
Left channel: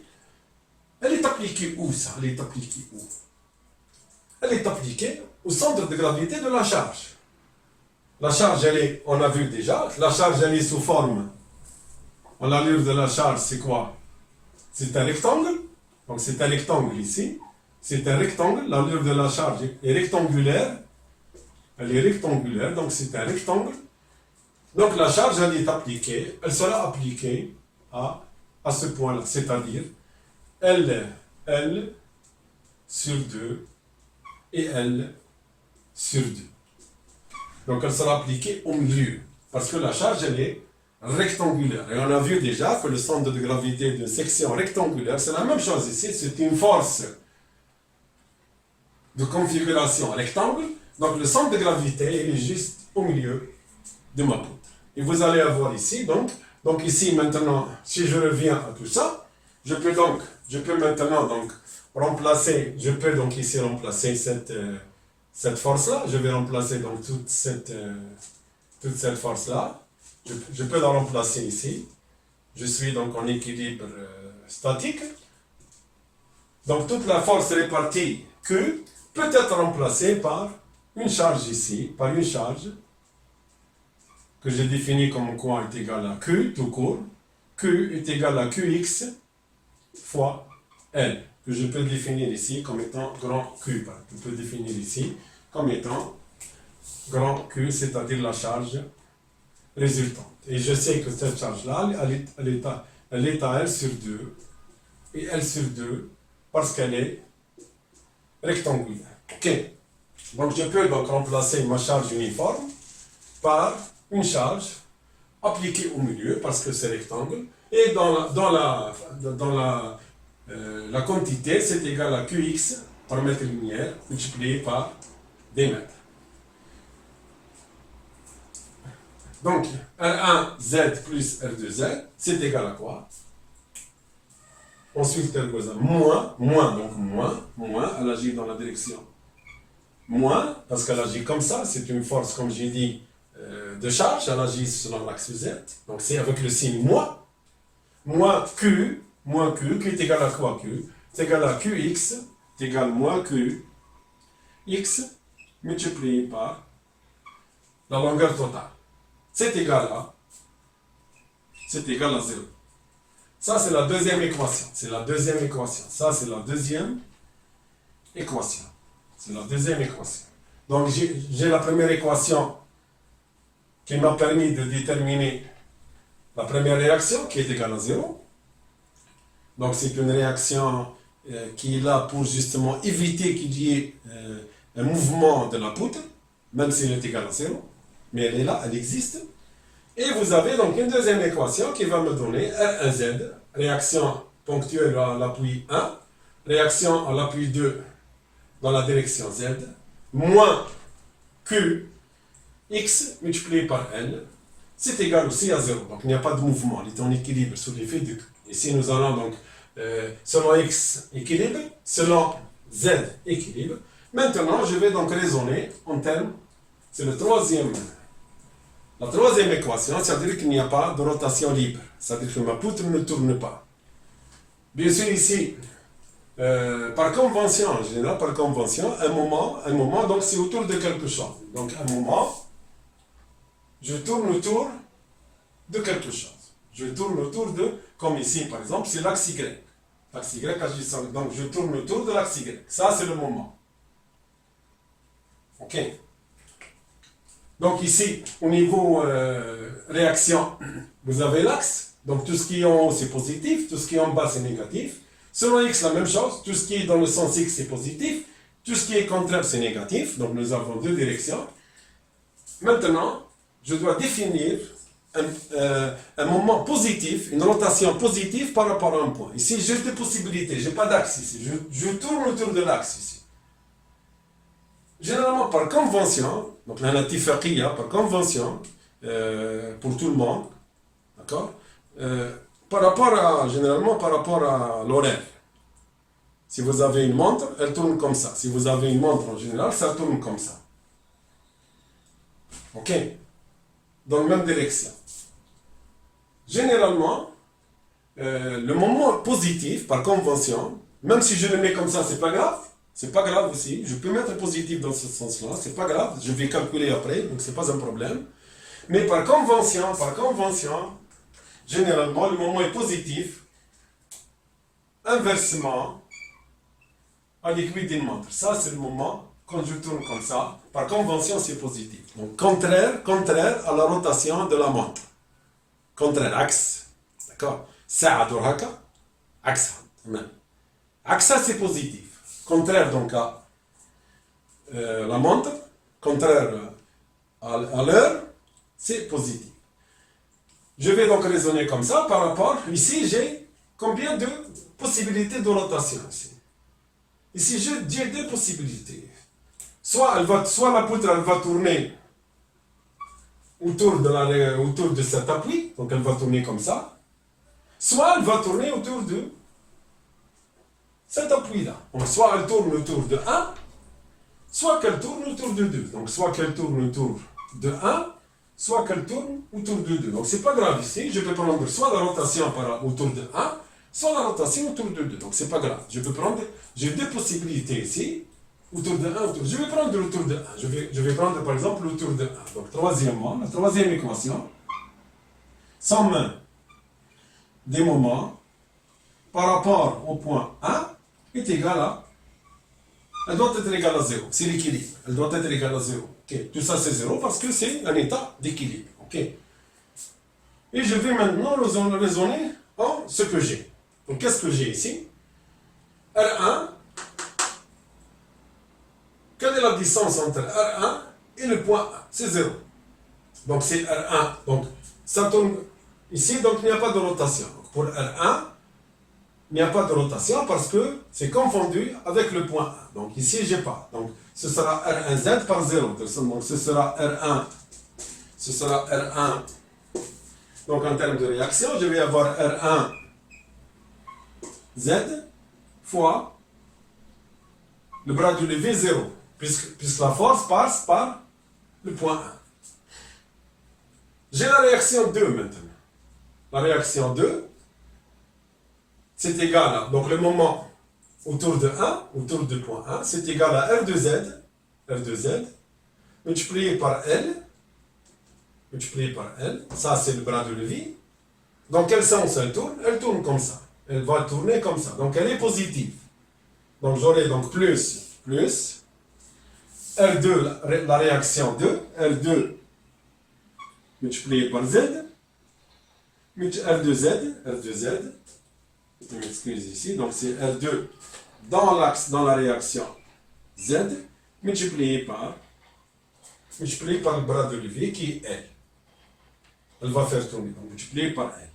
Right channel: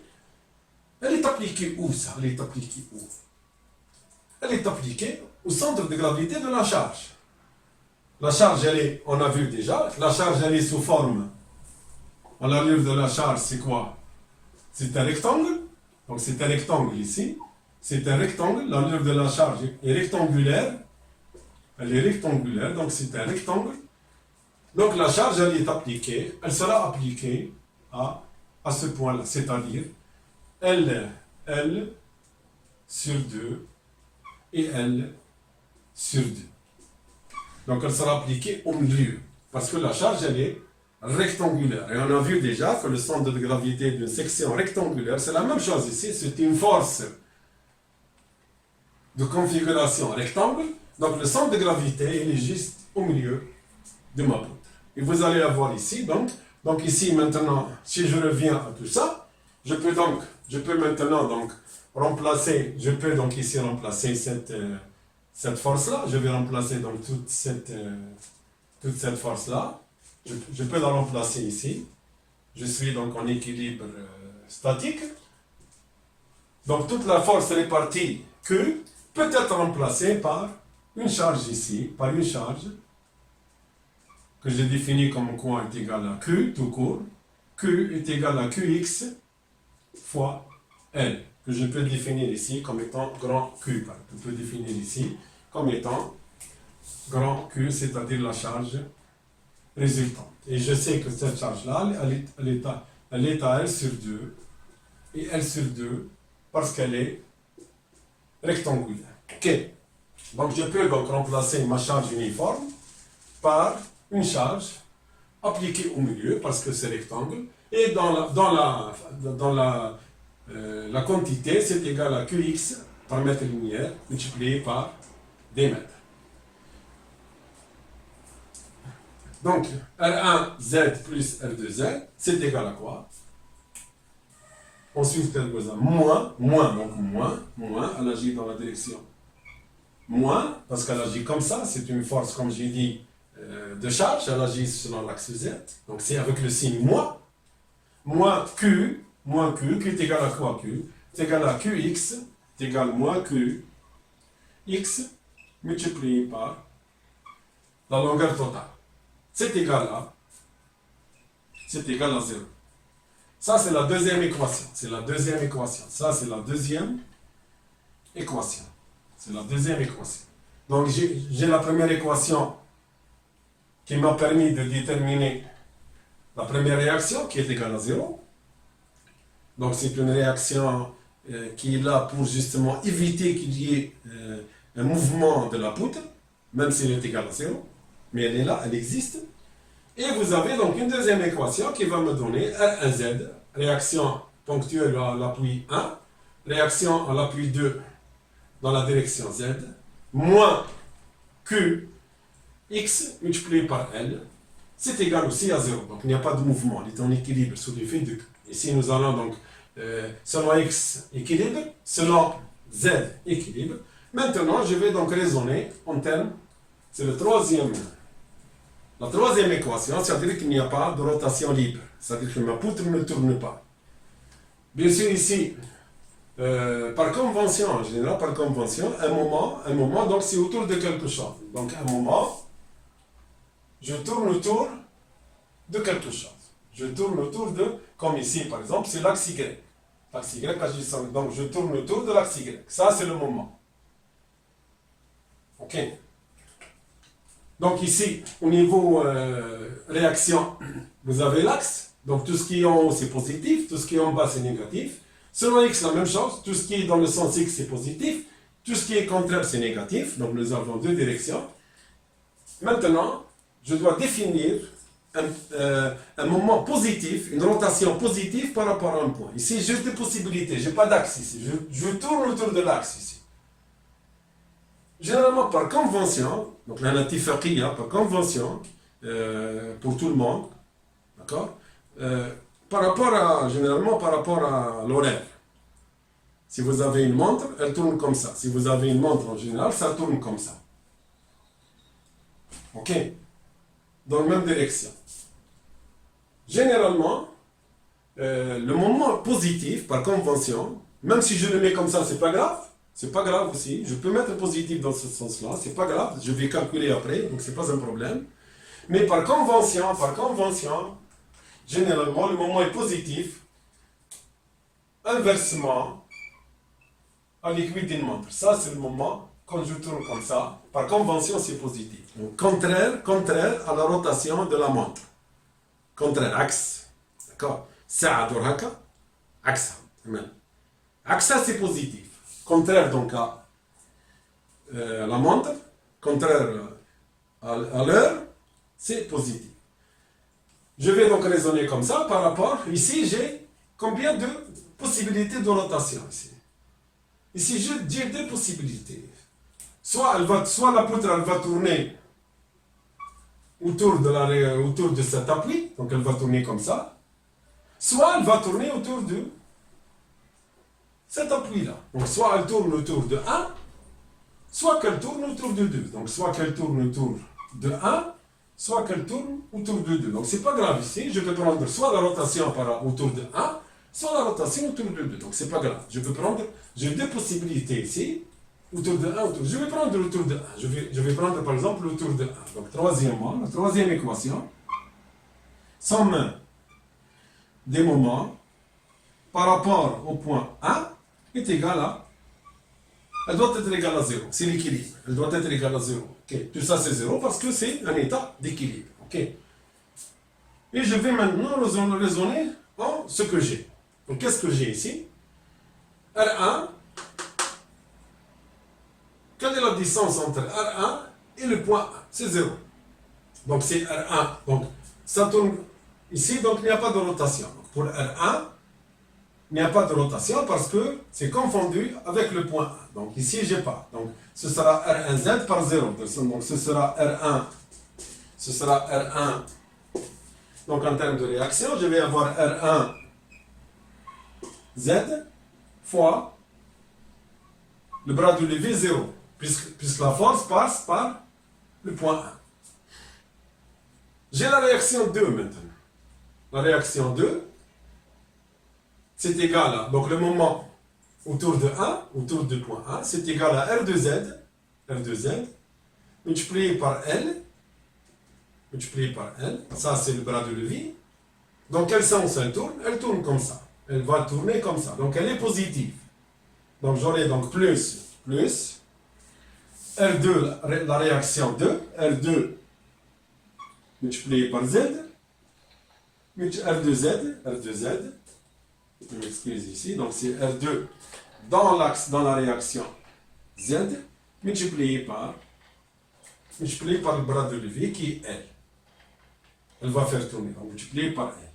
elle est appliquée où, ça? Elle est appliquée où? Elle est appliquée au centre de gravité de la charge. La charge, elle est, on a vu déjà, la charge, elle est sous forme. L'allure de la charge, c'est quoi? C'est un rectangle. Donc, c'est un rectangle ici. C'est un rectangle. L'allure de la charge est rectangulaire. Elle est rectangulaire, donc c'est un rectangle. Donc, la charge, elle est appliquée. Elle sera appliquée à ce point-là, c'est-à-dire L sur 2 et L sur 2. Donc, elle sera appliquée au milieu, parce que la charge, elle est rectangulaire. Et on a vu déjà que le centre de gravité d'une section rectangulaire, c'est la même chose ici, c'est une force de configuration rectangle. Donc, le centre de gravité, il est juste au milieu de ma poutre. Et vous allez avoir ici, donc ici, maintenant, si je reviens à tout ça, je peux maintenant donc remplacer, je peux donc ici remplacer cette force-là. Je vais remplacer donc toute cette force-là. Je peux la remplacer ici. Je suis donc en équilibre statique. Donc toute la force répartie Q peut être remplacée par une charge ici, par une charge que j'ai définie comme quoi est égal à Q tout court. Q est égal à QX fois L, que je peux définir ici comme étant grand Q. Je peux définir ici comme étant grand Q, c'est-à-dire la charge résultante. Et je sais que cette charge-là, elle est à L sur 2, et L sur 2, parce qu'elle est rectangulaire. Ok. Donc je peux donc remplacer ma charge uniforme par une charge appliquée au milieu, parce que c'est rectangle, et dans la quantité, c'est égal à QX par mètre linéaire, multiplié par des mètres. Donc, R1Z plus R2Z, c'est égal à quoi? Ensuite, quelque chose, moins, elle agit dans la direction moins, parce qu'elle agit comme ça, c'est une force, comme j'ai dit, de charge, elle agit selon l'axe Z, donc c'est avec le signe moins Q est égal à quoi Q? C'est égal à QX, c'est égal à moins QX, multiplié par la longueur totale. C'est égal à 0. Ça, c'est la deuxième équation. Ça, c'est la deuxième équation. Donc, j'ai la première équation qui m'a permis de déterminer la première réaction qui est égale à 0. Donc c'est une réaction qui est là pour justement éviter qu'il y ait un mouvement de la poutre, même s'il est égal à 0. Mais elle est là, elle existe. Et vous avez donc une deuxième équation qui va me donner R1Z, réaction ponctuelle à l'appui 1, réaction à l'appui 2 dans la direction Z, moins Q, X multiplié par L, c'est égal aussi à 0. Donc il n'y a pas de mouvement, il est en équilibre sous l'effet de Q. Ici nous allons donc, selon X, équilibre, selon Z, équilibre. Maintenant, je vais donc raisonner en termes, c'est la troisième équation, c'est-à-dire qu'il n'y a pas de rotation libre, c'est-à-dire que ma poutre ne tourne pas. Bien sûr, ici, par convention, en général, par convention, un moment, donc c'est autour de quelque chose. Donc, un moment, je tourne autour de quelque chose. Je tourne autour de, comme ici, par exemple, c'est l'axe Y. L'axe Y agissant, donc je tourne autour de l'axe Y. Ça, c'est le moment. OK. Donc ici, au niveau réaction, vous avez l'axe. Donc tout ce qui est en haut, c'est positif. Tout ce qui est en bas, c'est négatif. Selon X, la même chose. Tout ce qui est dans le sens X, c'est positif. Tout ce qui est contraire, c'est négatif. Donc nous avons deux directions. Maintenant, je dois définir un moment positif, une rotation positive par rapport à un point. Ici, j'ai des possibilités. Je n'ai pas d'axe ici. Je tourne autour de l'axe ici. Généralement, par convention, donc la natifaqiyya, par convention, pour tout le monde, d'accord, généralement par rapport à l'horaire. Si vous avez une montre, elle tourne comme ça. Si vous avez une montre en général, ça tourne comme ça. OK? Dans la même direction. Généralement, le moment positif, par convention, même si je le mets comme ça, c'est pas grave. C'est pas grave aussi. Je peux mettre positif dans ce sens-là. C'est pas grave. Je vais calculer après, donc c'est pas un problème. Mais par convention, généralement, le moment est positif. Inversement, à l'aiguille d'une montre. Ça, c'est le moment, quand je tourne comme ça, par convention, c'est positif. Donc, contraire à la rotation de la montre. Contraire, axe. D'accord? Ça, axe. Axe, c'est positif. Contraire donc à la montre, contraire à l'heure, c'est positif. Je vais donc raisonner comme ça par rapport, ici j'ai combien de possibilités de rotation ici. Ici je dis deux possibilités. Soit la poutre elle va tourner autour de cet appui, donc elle va tourner comme ça, soit elle va tourner autour de cet appui-là. Donc, soit elle tourne autour de 1, soit qu'elle tourne autour de 2. Donc, soit qu'elle tourne autour de 1, soit qu'elle tourne autour de 2. Donc, c'est pas grave ici. Je peux prendre soit la rotation autour de 1, soit la rotation autour de 2. Donc, c'est pas grave. J'ai deux possibilités ici. Autour de 1, je vais prendre autour de 1. Je vais prendre, par exemple, autour de 1. Donc, la troisième équation. Somme des moments par rapport au point 1 est égale à... Elle doit être égale à 0. C'est l'équilibre. Elle doit être égale à 0. Okay. Tout ça, c'est 0 parce que c'est un état d'équilibre. Okay. Et je vais maintenant raisonner en ce que j'ai. Donc, qu'est-ce que j'ai ici? R1. Quelle est la distance entre R1 et le point 1? C'est 0. Donc, c'est R1. Donc, ça tourne ici. Donc, il n'y a pas de rotation. Donc, pour R1, il n'y a pas de rotation parce que c'est confondu avec le point 1. Donc ici, je n'ai pas. Donc ce sera R1Z par 0. Donc ce sera R1. Donc en termes de réaction, je vais avoir R1Z fois le bras du levier 0. Puisque la force passe par le point 1. J'ai la réaction 2 maintenant. La réaction 2, c'est égal à, donc le moment autour de 1, autour du point 1, c'est égal à R2Z, multiplié par L, ça c'est le bras de levier. Dans quel sens elle tourne? Elle tourne comme ça. Elle va tourner comme ça. Donc elle est positive. Donc j'aurai donc plus, R2, la réaction 2, R2 multiplié par Z, R2Z, Je m'excuse ici. Donc c'est R2 dans l'axe, dans la réaction Z, multiplié par le bras de levier qui est L. Elle va faire tourner, donc multiplié par L.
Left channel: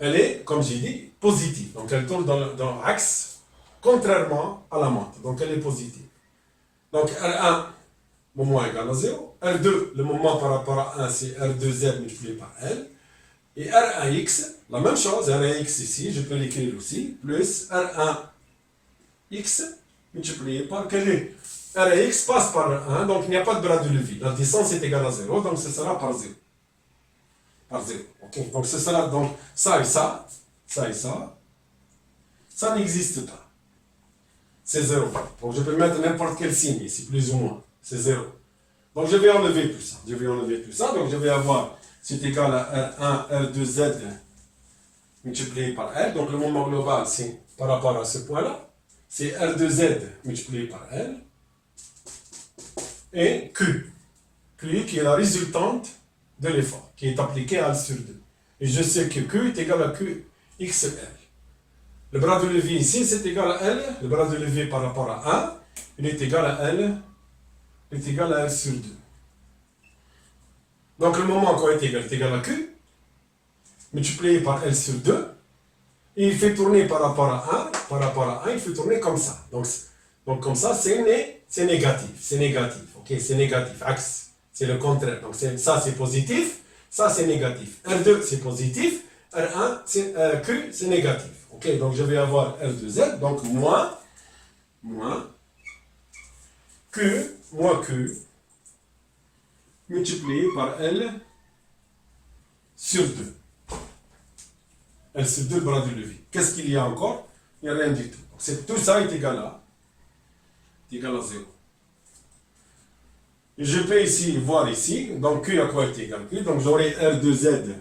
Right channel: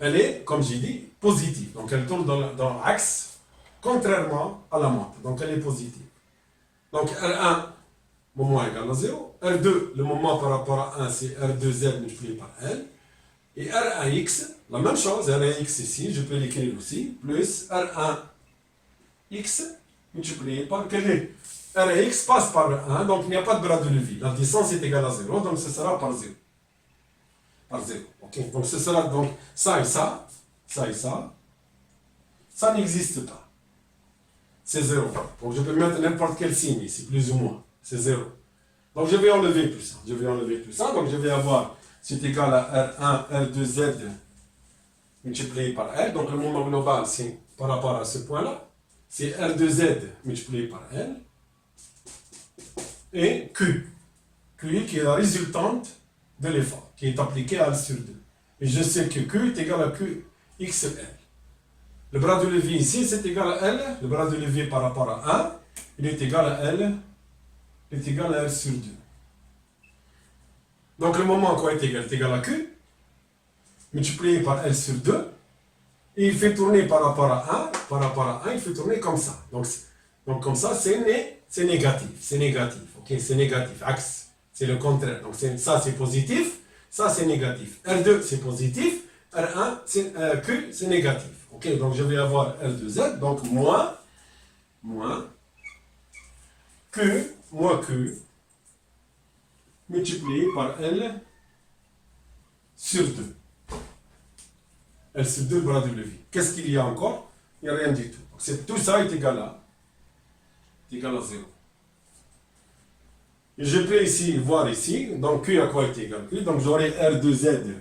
Elle est, comme j'ai dit, positive. Donc elle tourne dans l'axe, contrairement à la montre. Donc elle est positive. Donc R1, moment égal à 0. R2, le moment par rapport à 1, c'est R2Z multiplié par L. Et R1X, la même chose, R1X ici, je peux l'écrire aussi, plus R1X multiplié par quel est R1X passe par 1, donc il n'y a pas de bras de levier. La distance est égale à 0, donc ce sera par 0. Par 0. Okay. Donc ce sera donc ça et ça, ça et ça, ça n'existe pas. C'est 0. Donc je peux mettre n'importe quel signe ici, plus ou moins. C'est 0. Donc je vais enlever tout ça. Donc je vais avoir, c'est égal à R1, R2Z multiplié par L. Donc le moment global, c'est par rapport à ce point-là, c'est R2Z multiplié par L. Et Q. Q qui est la résultante de l'effort, qui est appliqué à L sur 2. Et je sais que Q est égal à QXL. Le bras de levier ici, c'est égal à L. Le bras de levier par rapport à 1, il est égal à L. Il est égal à L sur 2. Donc le moment quoi est égal à Q, multiplié par L sur 2. Et il fait tourner par rapport à 1, il fait tourner comme ça. Donc comme ça, c'est négatif. Ok, c'est négatif. Axe, c'est le contraire. Donc ça, c'est positif. Ça, c'est négatif. R2, c'est positif. R1, Q, c'est négatif. Ok, donc je vais avoir L2Z. Donc moins Q multiplié par L sur 2. L sur 2, bras de levier. Qu'est-ce qu'il y a encore? Il n'y a rien du tout. Donc tout ça est égal à 0. Et je peux ici voir ici, donc Q à quoi est égal Q? Donc j'aurai R2Z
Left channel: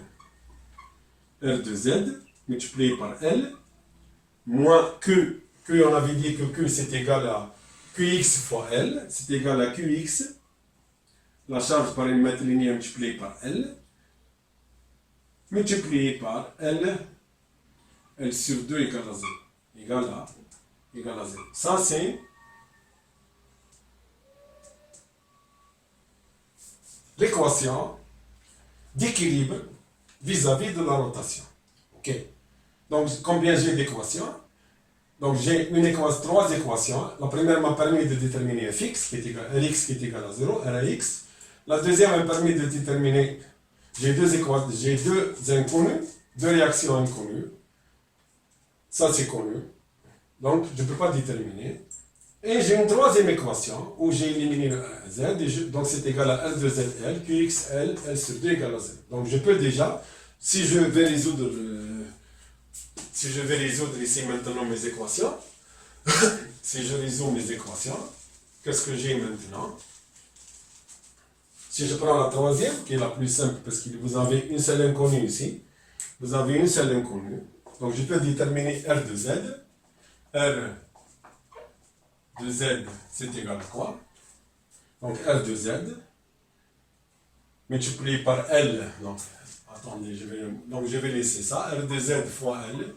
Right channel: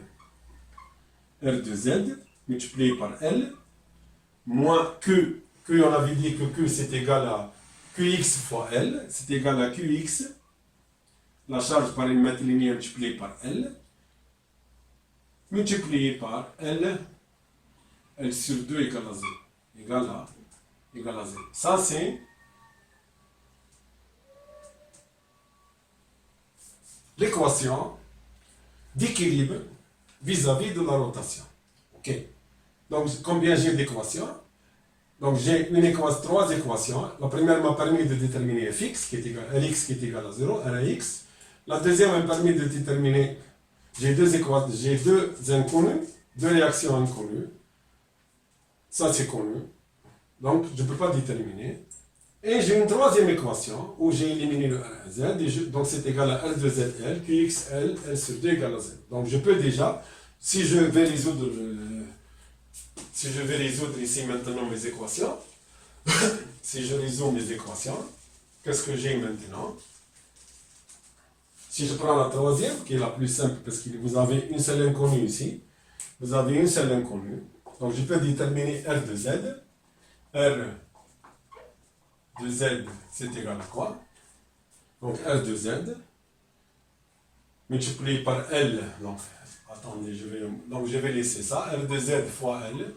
multiplié par L, moins Q. Q, on avait dit que Q c'est égal à QX fois L, c'est égal à QX, la charge par une mètre linéaire multipliée par L, multiplié par L sur 2 égale à 0. Égale à 0. Ça, c'est l'équation d'équilibre vis-à-vis de la rotation. Ok. Donc, combien j'ai d'équations? Donc, j'ai trois équations. La première m'a permis de déterminer fx, qui est égal, Lx qui est égal à 0, Rax. La deuxième m'a permis de déterminer, j'ai deux inconnus, deux réactions inconnues. Ça, c'est connu. Donc, je ne peux pas déterminer. Et j'ai une troisième équation où j'ai éliminé le R1Z. Donc, c'est égal à R2ZL, QXL, L sur 2 égale à 0. Donc, je peux déjà, si je vais résoudre ici maintenant mes équations, si je résous mes équations, qu'est-ce que j'ai maintenant? Si je prends la troisième, qui est la plus simple, parce que vous avez une seule inconnue ici, vous avez une seule inconnue. Donc, je peux déterminer R de Z. R de Z, c'est égal à quoi? Donc, R de Z, multiplié par L. Donc, attendez, je vais laisser ça. R de Z fois L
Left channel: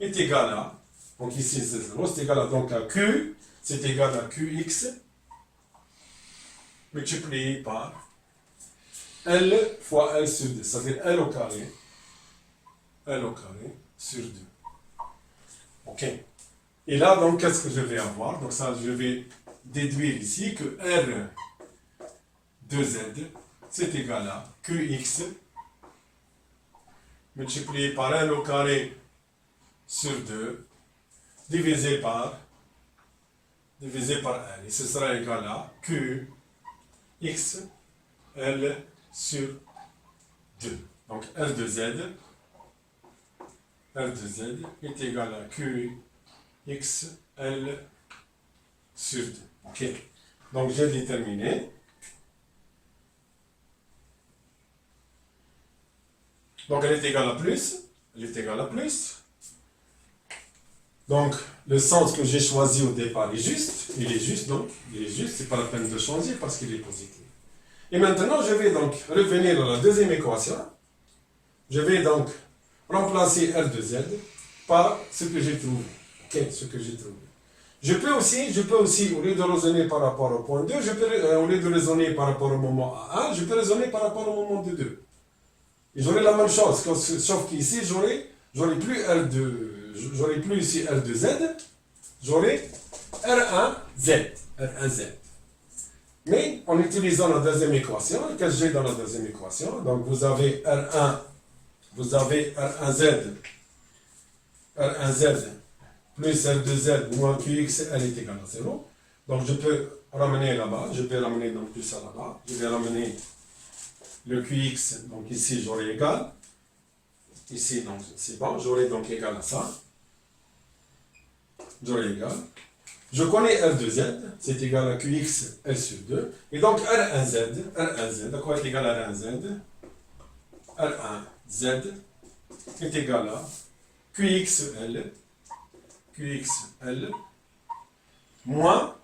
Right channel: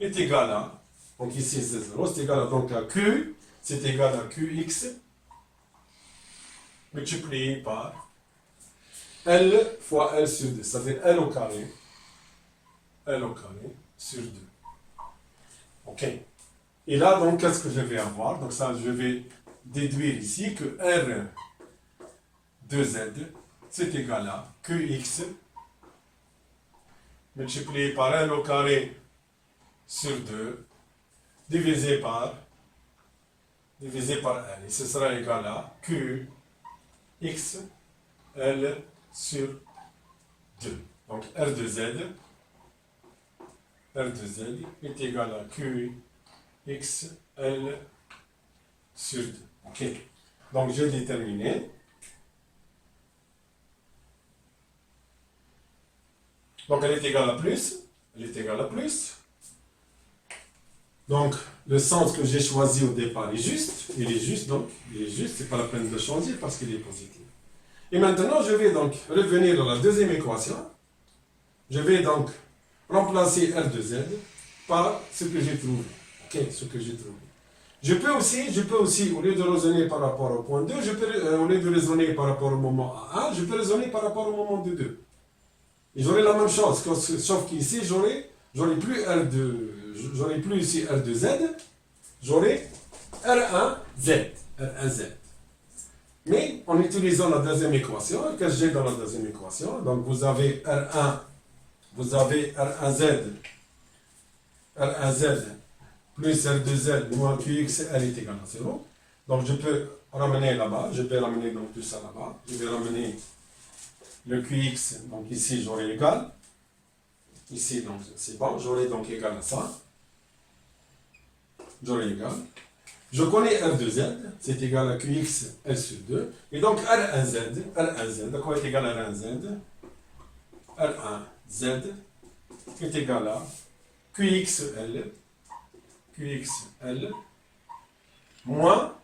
est égal à, donc ici c'est 0, c'est égal à, donc à Q, c'est égal à QX, multiplié par L fois L sur 2. Ça fait L au carré sur 2. Ok. Et là, donc, qu'est-ce que je vais avoir? Donc, ça, je vais déduire ici que R de Z, c'est égal à QX multiplié par L au carré sur 2 divisé par L. Et ce sera égal à QX L sur 2. Donc, R de Z est égal à QX L sur 2. Ok. Donc, j'ai déterminé. Donc, elle est égale à plus. Donc, le sens que j'ai choisi au départ est juste. Il est juste, c'est pas la peine de changer parce qu'il est positif. Et maintenant, je vais donc revenir à la deuxième équation. Je vais donc remplacer R de Z par ce que j'ai trouvé. Ok, ce que j'ai trouvé. Je peux aussi, au lieu de raisonner par rapport au point 2, au lieu de raisonner par rapport au moment A1, je peux raisonner par rapport au moment D2. Et j'aurai la même chose, sauf qu'ici, j'aurai plus ici R de Z, j'aurai R1Z. R1Z. Mais en utilisant la deuxième équation, que j'ai dans la deuxième équation, donc vous avez R1Z plus R2Z moins QX, L est égal à 0. Donc je peux ramener là-bas, je vais ramener donc tout ça là-bas, je vais ramener le QX, donc ici j'aurai égal, ici donc c'est bon, j'aurai donc égal à ça, j'aurai égal. Je connais R2Z, c'est égal à QX, L sur 2, et donc R1Z, à quoi est égal à R1Z? R1Z est égal à QXL moins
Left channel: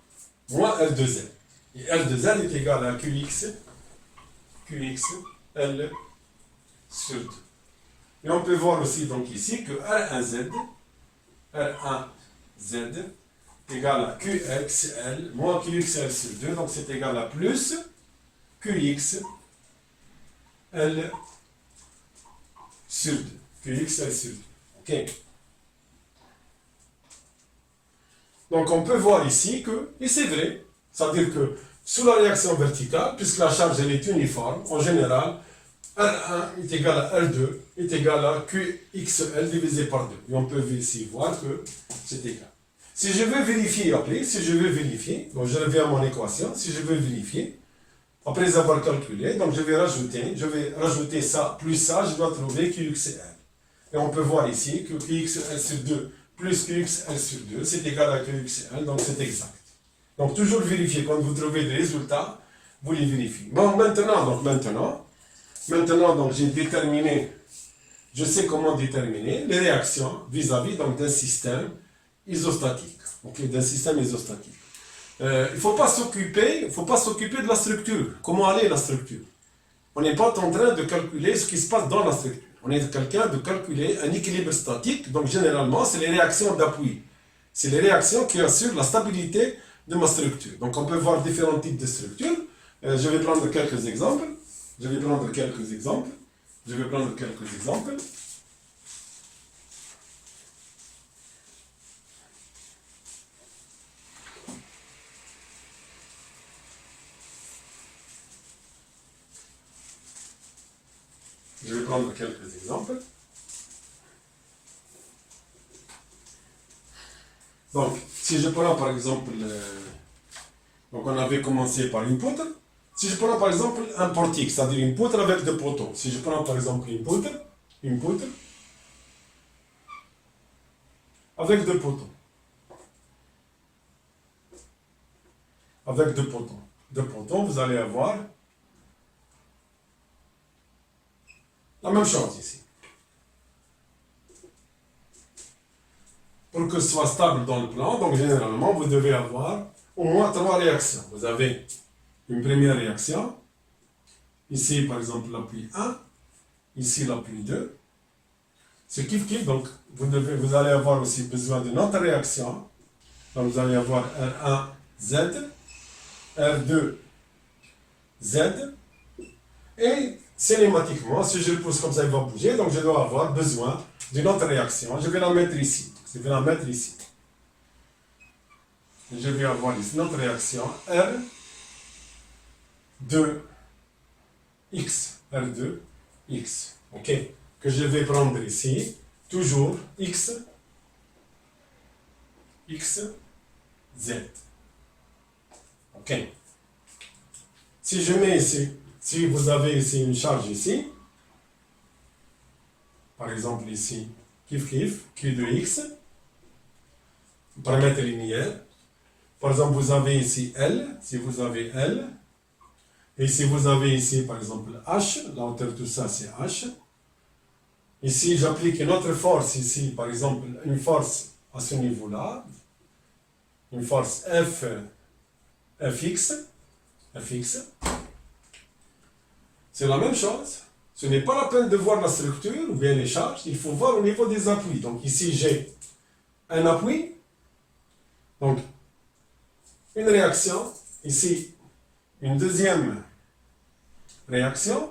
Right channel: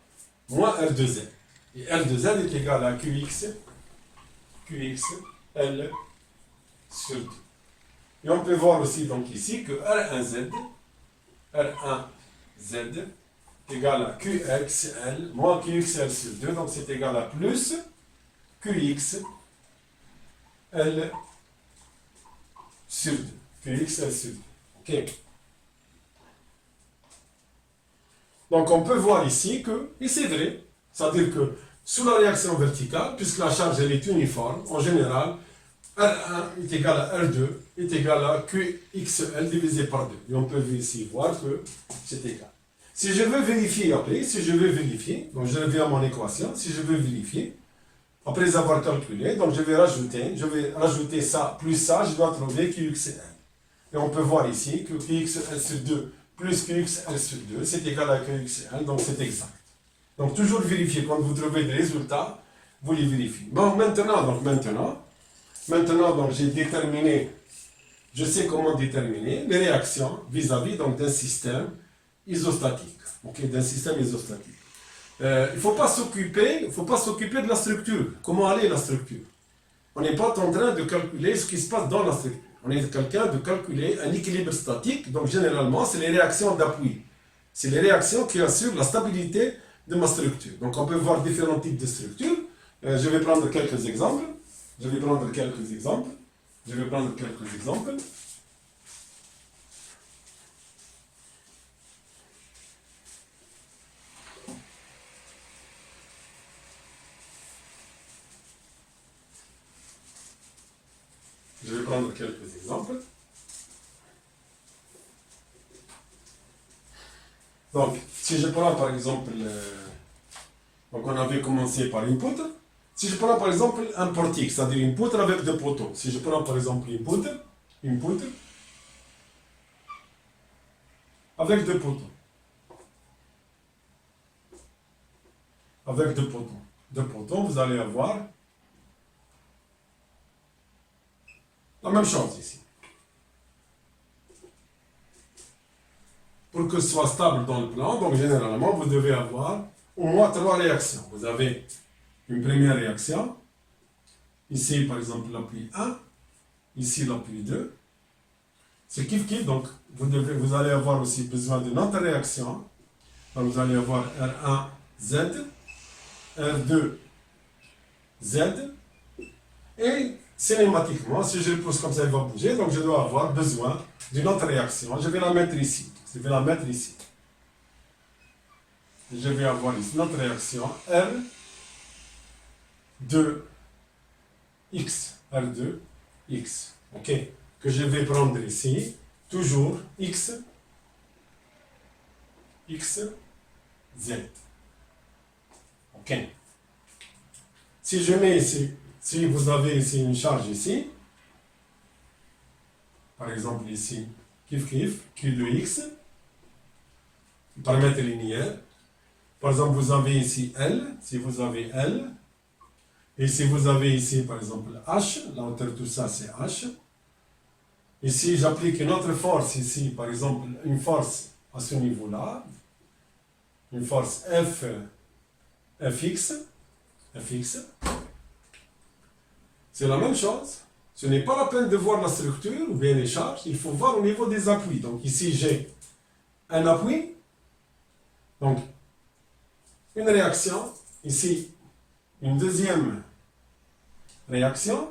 R2Z. Et R2Z est égal à QXL sur 2. Et on peut voir aussi donc ici que R1Z est égal à QXL moins QXL sur 2. Donc c'est égal à plus QXL sur 2. QXL sur 2. OK. Donc on peut voir ici que, et c'est vrai, c'est-à-dire que sous la réaction verticale, puisque la charge elle est uniforme, en général, R1 est égal à R2 est égal à QXL divisé par 2. Et on peut ici voir que c'est égal. Si je veux vérifier après, donc je reviens à mon équation, si je veux vérifier, après avoir calculé, donc je vais rajouter ça plus ça, je dois trouver QXL. Et on peut voir ici que QXL sur 2 plus QXL sur 2, c'est égal à QXL, donc c'est exact. Donc toujours vérifier, quand vous trouvez des résultats, vous les vérifiez. Bon, maintenant, donc j'ai déterminé, je sais comment déterminer les réactions vis-à-vis d'un système isostatique. Okay, d'un système isostatique. Il ne faut pas s'occuper de la structure. Comment aller la structure? On n'est pas en train de calculer ce qui se passe dans la structure. On est quelqu'un de calculer un équilibre statique, donc généralement, c'est les réactions d'appui. C'est les réactions qui assurent la stabilité de ma structure. Donc on peut voir différents types de structures. Je vais prendre quelques exemples. Donc, si je prends par exemple, donc on avait commencé par une poutre. Si je prends par exemple un portique, c'est-à-dire une poutre avec deux poteaux. Si je prends par exemple une poutre avec deux poteaux. Avec deux poteaux, vous allez avoir la même chose ici. Pour que ce soit stable dans le plan, donc généralement, vous devez avoir au moins trois réactions. Vous avez une première réaction, ici par exemple l'appui 1, ici l'appui 2. C'est kiff, donc vous allez avoir aussi besoin d'une autre réaction. Donc vous allez avoir R1Z, R2Z, et cinématiquement, si je le pousse comme ça, il va bouger, donc je dois avoir besoin d'une autre réaction. Je vais la mettre ici. Je vais avoir ici notre réaction R2X. OK. Que je vais prendre ici. Toujours X, Z. OK. Si je mets ici, si vous avez ici une charge ici, par exemple ici, Q de X, paramètre linéaire. Par exemple, vous avez ici L, si vous avez L, et si vous avez ici, par exemple, H, la hauteur de tout ça, c'est H. Et si j'applique une autre force ici, par exemple, une force à ce niveau-là, une force Fx, c'est la même chose. ce n'est pas la peine de voir la structure ou bien les charges, il faut voir au niveau des appuis. Donc ici, j'ai un appui, donc une réaction, ici une deuxième réaction,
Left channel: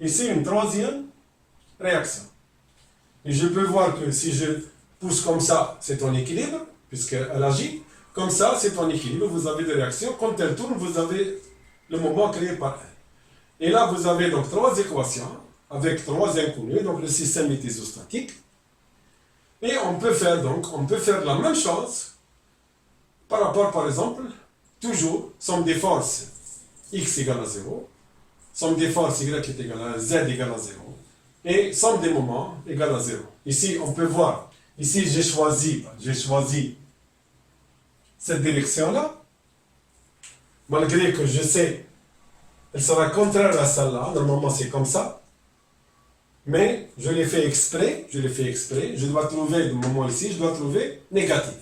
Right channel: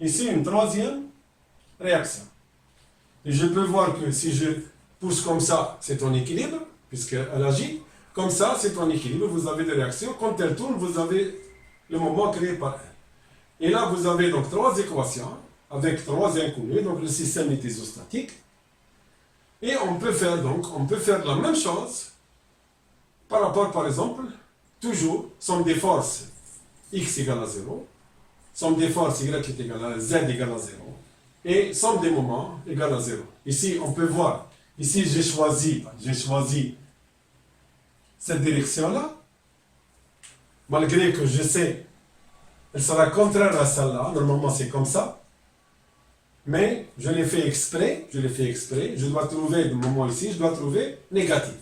ici une troisième réaction. Et je peux voir que si je pousse comme ça, c'est en équilibre, puisqu'elle agit. Comme ça, c'est en équilibre, vous avez des réactions. Quand elle tourne, vous avez le moment créé par elle. Et là, vous avez donc trois équations avec trois inconnus, donc le système est isostatique. Et on peut faire la même chose par rapport, par exemple, toujours, somme des forces x égale à 0, somme des forces y est égale à z égale à 0, et somme des moments égale à 0. Ici, on peut voir, ici j'ai choisi cette direction-là, malgré que je sais, elle sera contraire à celle-là, normalement c'est comme ça, mais je l'ai fait exprès, je dois trouver, le moment ici, je dois trouver négatif.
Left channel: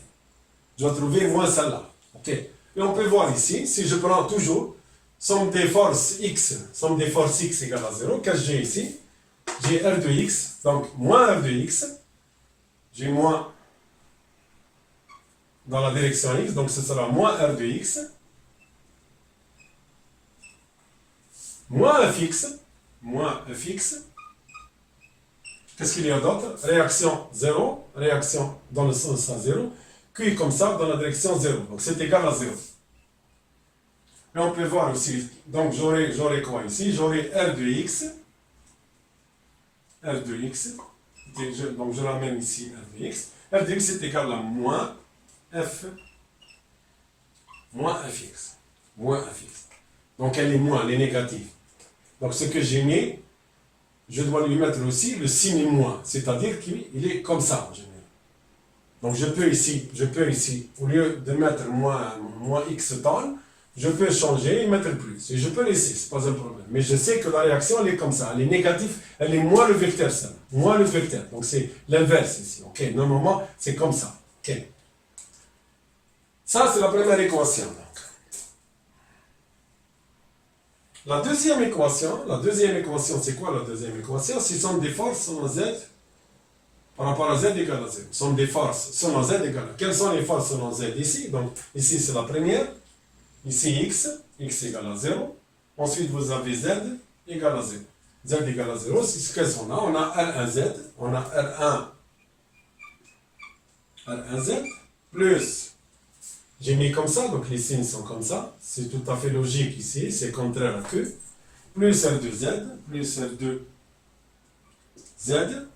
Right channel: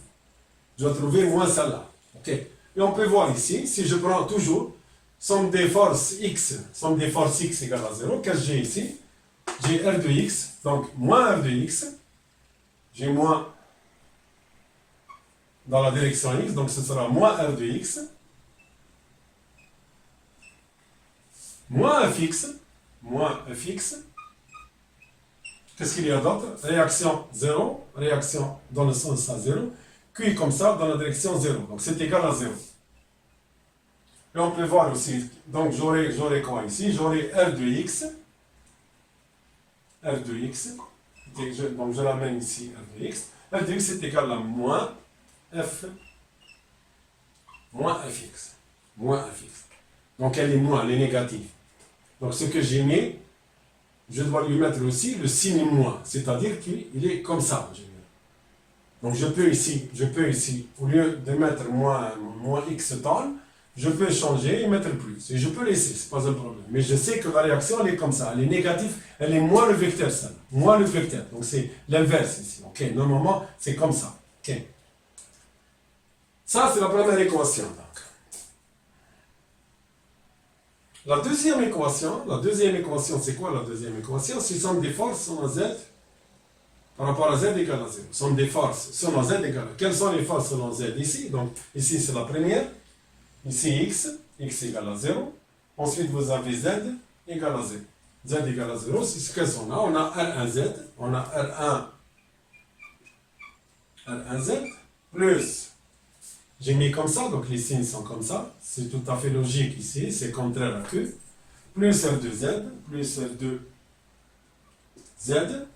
Je dois trouver moins celle-là. Ok. Et on peut voir ici, si je prends toujours somme des forces x égale à 0, qu'est-ce que j'ai ici? J'ai R de x, donc moins R de x, j'ai moins dans la direction x, donc ce sera moins R de x, moins fx, qu'est-ce qu'il y a d'autre? Réaction 0, réaction dans le sens à 0, Q comme ça dans la direction 0, donc c'est égal à 0. Et on peut voir aussi, donc j'aurai quoi ici? J'aurai R de x, donc je ramène ici R de x est égal à moins fx. Donc elle est négative. Donc ce que j'ai mis, je dois lui mettre aussi le signe moins, c'est-à-dire qu'il est comme ça en général. Donc je peux ici, au lieu de mettre moins x tonnes, je peux changer et mettre plus. Et je peux laisser, c'est pas un problème. Mais je sais que la réaction, elle est comme ça. Elle est négative, elle est moins le vecteur, celle-là. Moins le vecteur. Donc c'est l'inverse ici. Ok, normalement, c'est comme ça. Ok. Ça, c'est la première équation. Donc. La deuxième équation, c'est quoi la deuxième équation? C'est somme des forces selon z par rapport à z égale à 0. Somme des forces selon z égale à... Quelles sont les forces selon z ici? Donc ici, c'est la première. Ici, x égale à 0. Ensuite, vous avez z égale à 0. Z égale à 0, c'est ce qu'elles sont là. On a R1z, on a R1z, plus, j'ai mis comme ça, donc les signes sont comme ça. C'est tout à fait logique ici, c'est contraire à Q. Plus R2z, plus R2z.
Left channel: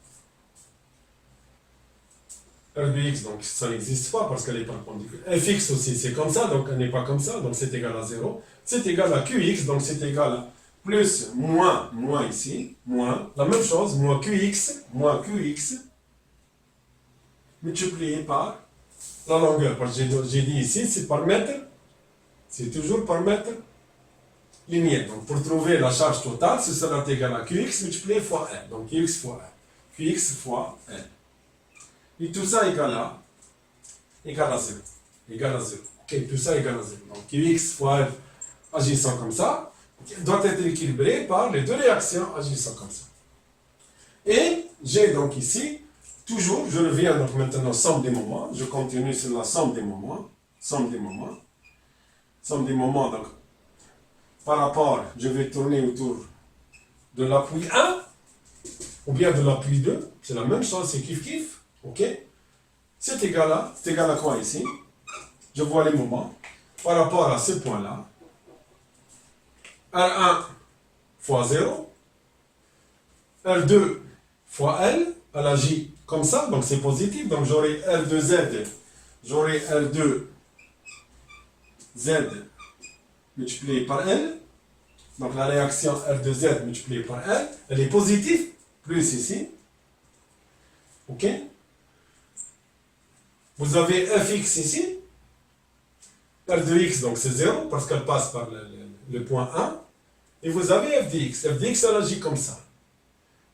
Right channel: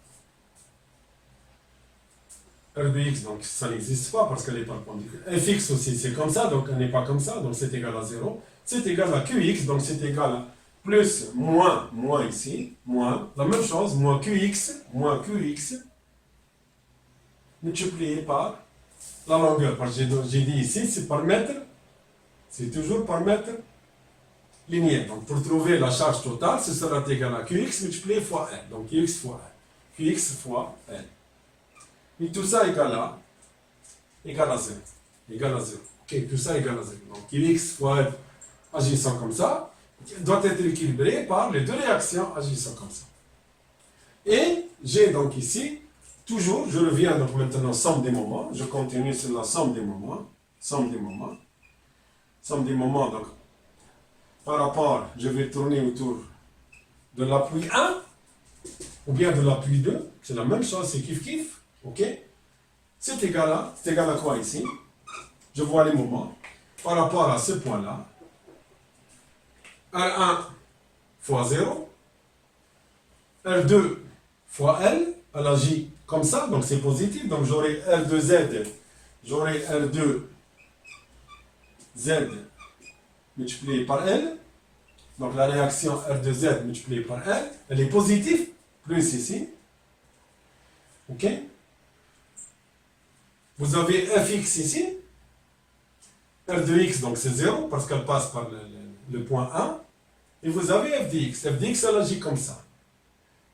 R de x, donc ça n'existe pas parce qu'elle est perpendiculaire. Fx aussi, c'est comme ça, donc elle n'est pas comme ça, donc c'est égal à 0. C'est égal à Qx, donc c'est égal à plus, moins ici, moins, la même chose, moins Qx, multiplié par la longueur, parce que j'ai dit ici, c'est par mètre, c'est toujours par mètre linéaire. Donc pour trouver la charge totale, ce sera égal à Qx multiplié fois L, donc Qx fois L, Qx fois L. Et tout ça égale à 0. Ok, tout ça égale à 0. Donc Qx fois F agissant comme ça doit être équilibré par les deux réactions agissant comme ça. Et j'ai donc ici, toujours, je reviens donc maintenant somme des moments. Je continue sur la somme des moments. Donc, par rapport, je vais tourner autour de l'appui 1 ou bien de l'appui 2. C'est la même chose, c'est kiff. Ok, c'est égal à quoi ici? Je vois les moments par rapport à ce point-là. R1 fois 0, R2 fois L, elle agit comme ça, donc c'est positif, donc j'aurai R2Z multiplié par L, donc la réaction R2Z multipliée par L, elle est positive, plus ici, ok? Vous avez fx ici, r de x, donc c'est 0, parce qu'elle passe par le point 1, et vous avez f de x. F de x, elle agit comme ça.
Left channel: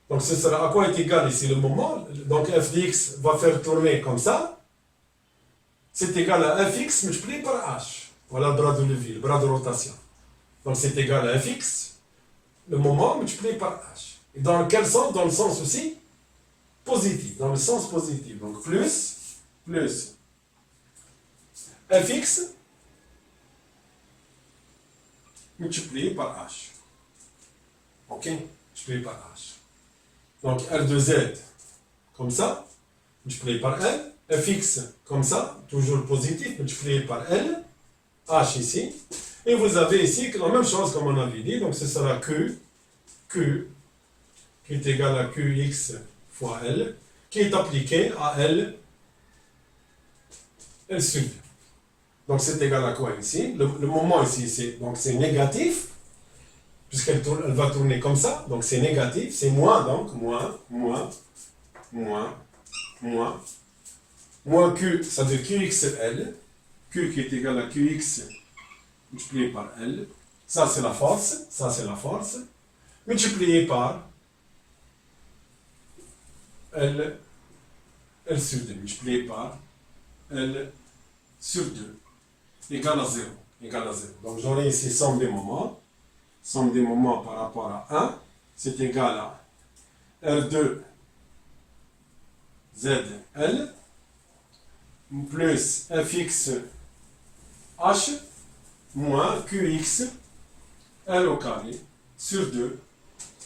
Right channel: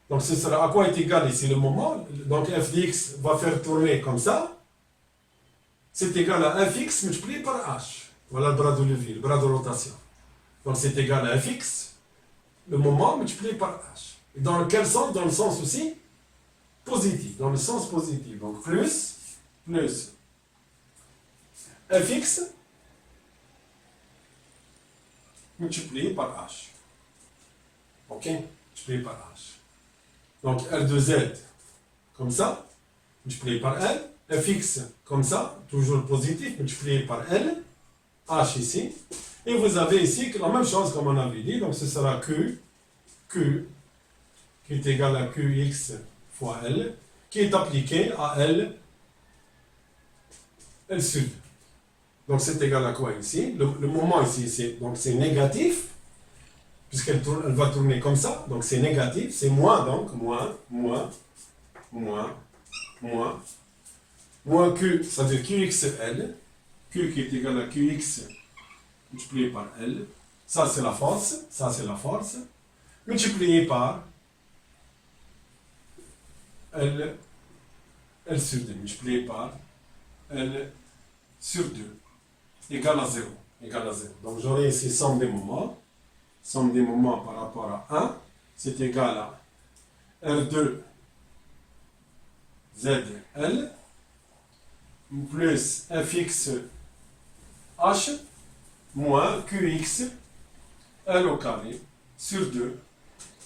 Donc ce sera à quoi est égal ici le moment? Donc f de x va faire tourner comme ça. C'est égal à fx multiplié par h. Voilà le bras de levier, le bras de rotation. Donc c'est égal à fx, le moment multiplié par h. Et dans quel sens? Dans le sens aussi positif, dans le sens positif. Donc plus fx multiplié par h. Ok? Multiplié par h. Donc R de Z comme ça, multiplié par L. Fx comme ça, toujours positif, multiplié par L. H ici. Et vous avez ici la même chose comme on avait dit. Donc ce sera Q qui est égal à Qx fois L, qui est appliqué à L sud. Donc c'est égal à quoi ici? Le moment ici, c'est négatif, puisqu'elle elle va tourner comme ça, donc c'est négatif, c'est moins, donc moins Q, ça veut dire QXL, Q qui est égal à QX multiplié par L, ça c'est la force, multiplié par L sur 2, multiplié par L sur 2, égale à 0. Donc j'aurai ici somme des moments par rapport à 1, c'est égal à R2 ZL plus fx h moins qx L au carré sur 2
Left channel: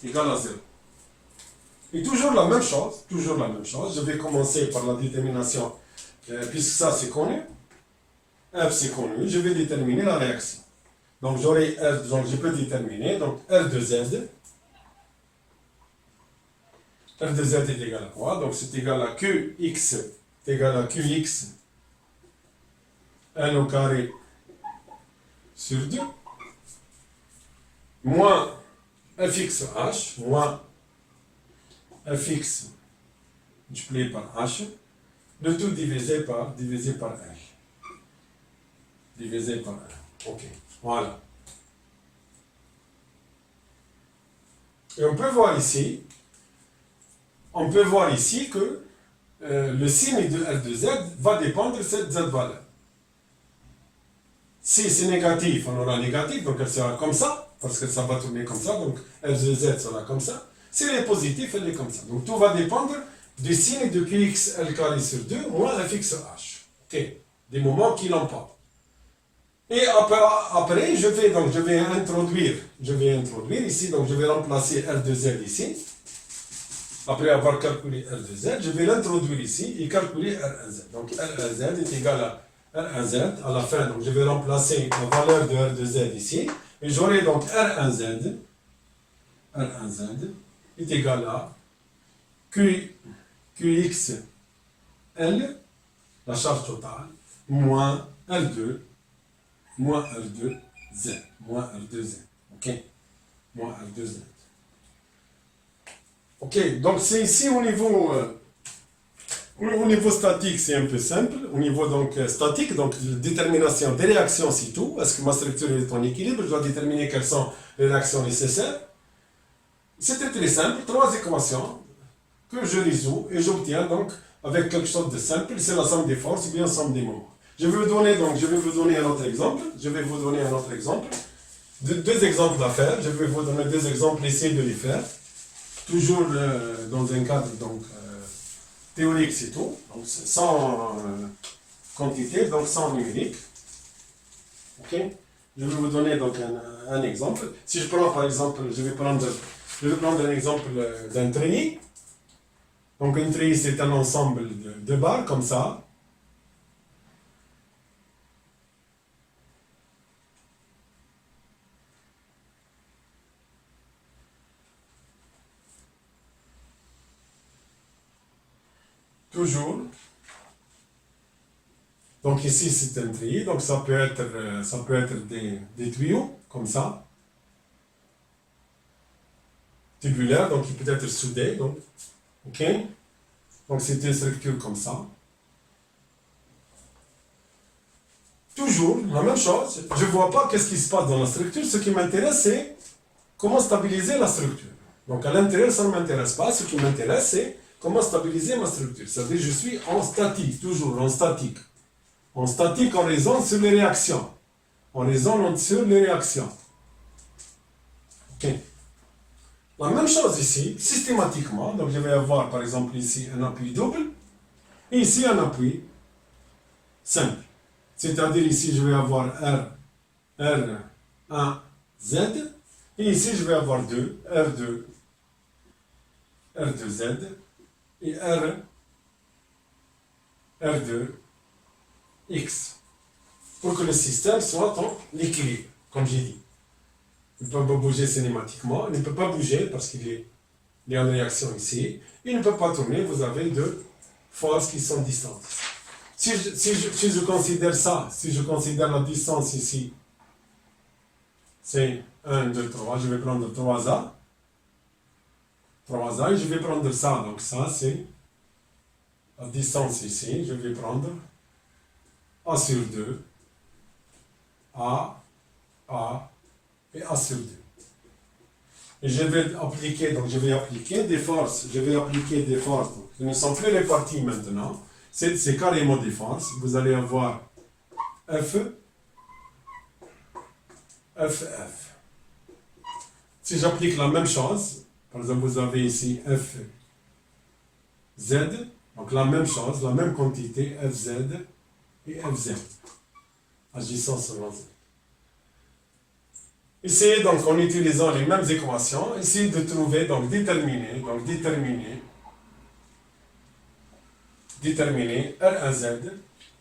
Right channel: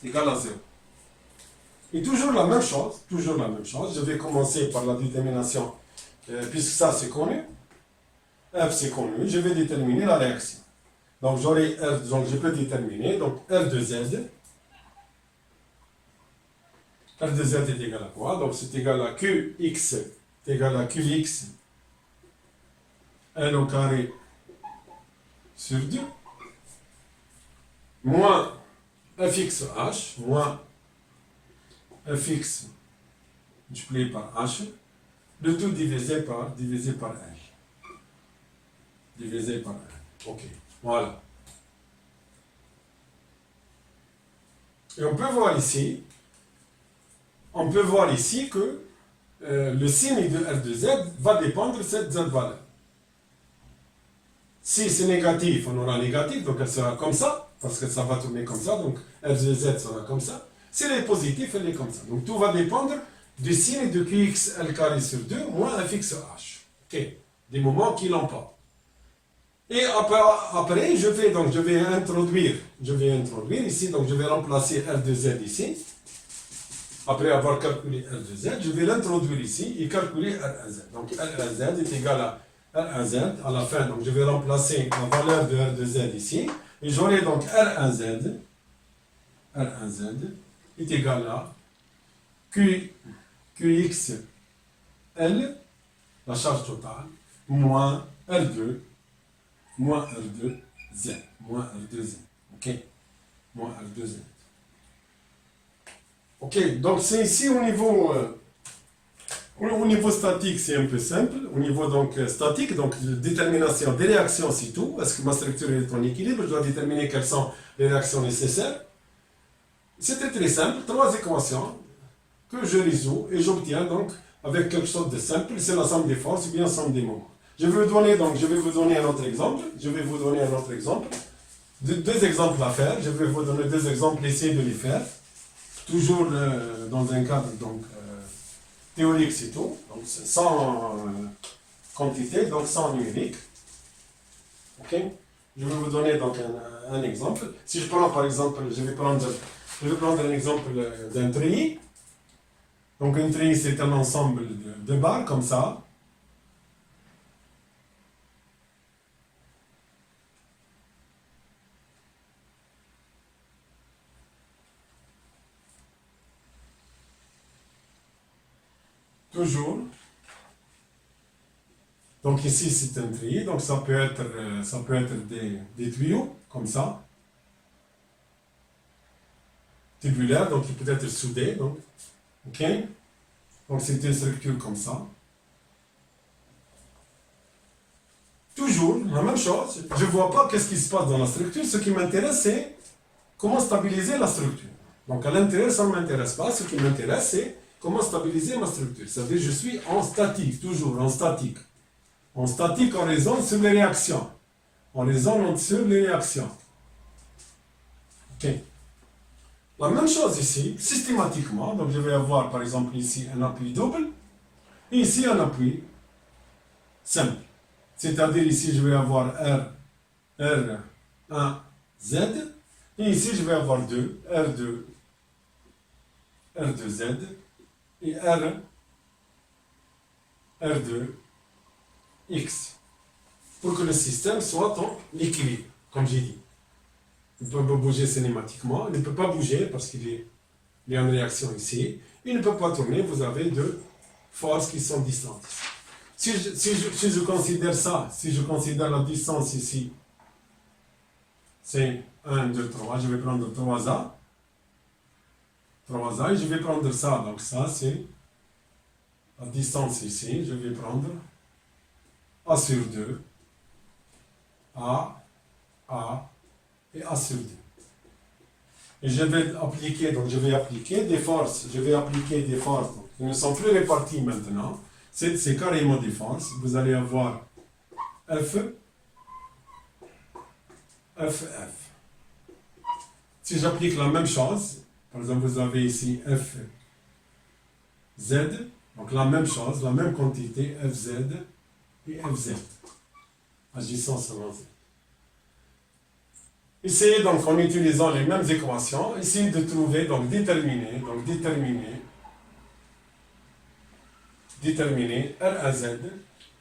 égale à 0. Et toujours la même chose, je vais commencer par la détermination, puisque ça c'est connu, F c'est connu, je vais déterminer la réaction. Donc j'aurai R, donc je peux déterminer, donc R de Z est égal à quoi? Donc c'est égal à Qx L au carré sur 2 moins fx h moins fx multiplié par h, le tout divisé par L. Ok, voilà. Et on peut voir ici que le signe de R de Z va dépendre de cette Z valeur. Si c'est négatif, on aura négatif, donc elle sera comme ça, parce que ça va tourner comme ça, donc R de Z sera comme ça. Si elle est positive, elle est comme ça. Donc tout va dépendre du signe de Qx L carré sur 2 moins fx h. Ok, des moments qui l'emportent. Et après, je vais introduire ici, donc je vais remplacer R de Z ici. Après avoir calculé R de Z, je vais l'introduire ici et calculer R1Z. Donc R1Z est égal à R1Z à la fin. Donc je vais remplacer la valeur de R de Z ici. Et j'aurai donc R1Z est égal à Qx L, la charge totale, moins R2Z. Ok? Moins R2Z. Ok, donc c'est ici au niveau statique, c'est un peu simple. Au niveau donc statique, donc détermination des réactions, c'est tout. Est-ce que ma structure est en équilibre? Je dois déterminer quelles sont les réactions nécessaires. C'était très simple, 3 équations que je résous et j'obtiens donc avec quelque chose de simple, c'est la somme des forces ou bien la somme des moments. Je vais vous donner un autre exemple. Deux exemples à faire. Je vais vous donner 2 exemples, essayez de les faire. Toujours dans un cadre théorique, c'est tout. Donc, sans quantité, donc sans numérique. Ok? Je vais vous donner donc un exemple. Si je prends par exemple, je vais prendre un exemple d'un treillis. Donc un treillis, c'est un ensemble de barres comme ça. Toujours. Donc ici c'est un treillis, donc ça peut être des tuyaux comme ça, tubulaires, donc il peut être soudé, donc ok. Donc c'est une structure comme ça. Toujours la même chose. Je ne vois pas qu'est-ce qui se passe dans la structure. Ce qui m'intéresse c'est comment stabiliser la structure. Donc à l'intérieur ça ne m'intéresse pas. Ce qui m'intéresse c'est comment stabiliser ma structure. C'est-à-dire je suis en statique, toujours en statique. En statique, on raisonne sur les réactions. Ok. La même chose ici, systématiquement. Donc je vais avoir par exemple ici un appui double et ici un appui simple. C'est-à-dire ici je vais avoir R1, Z et ici je vais avoir R2Z et R2X pour que le système soit en équilibre, comme j'ai dit. Il ne peut pas bouger cinématiquement, il ne peut pas bouger parce qu'il est en réaction ici. Il ne peut pas tourner, vous avez deux forces qui sont distantes. Si je considère ça, si je considère la distance ici, c'est 1, 2, 3, je vais prendre 3A et je vais prendre ça, donc ça c'est la distance ici, je vais prendre A sur 2, A et A sur 2. Et je vais appliquer des forces, donc, qui ne sont plus réparties maintenant, c'est carrément des forces, vous allez avoir F. Si j'applique la même chose, par exemple vous avez ici FZ, donc la même chose, la même quantité FZ et FZ, agissant selon Z. Essayez donc en utilisant les mêmes équations, essayez de trouver, donc déterminer R1Z,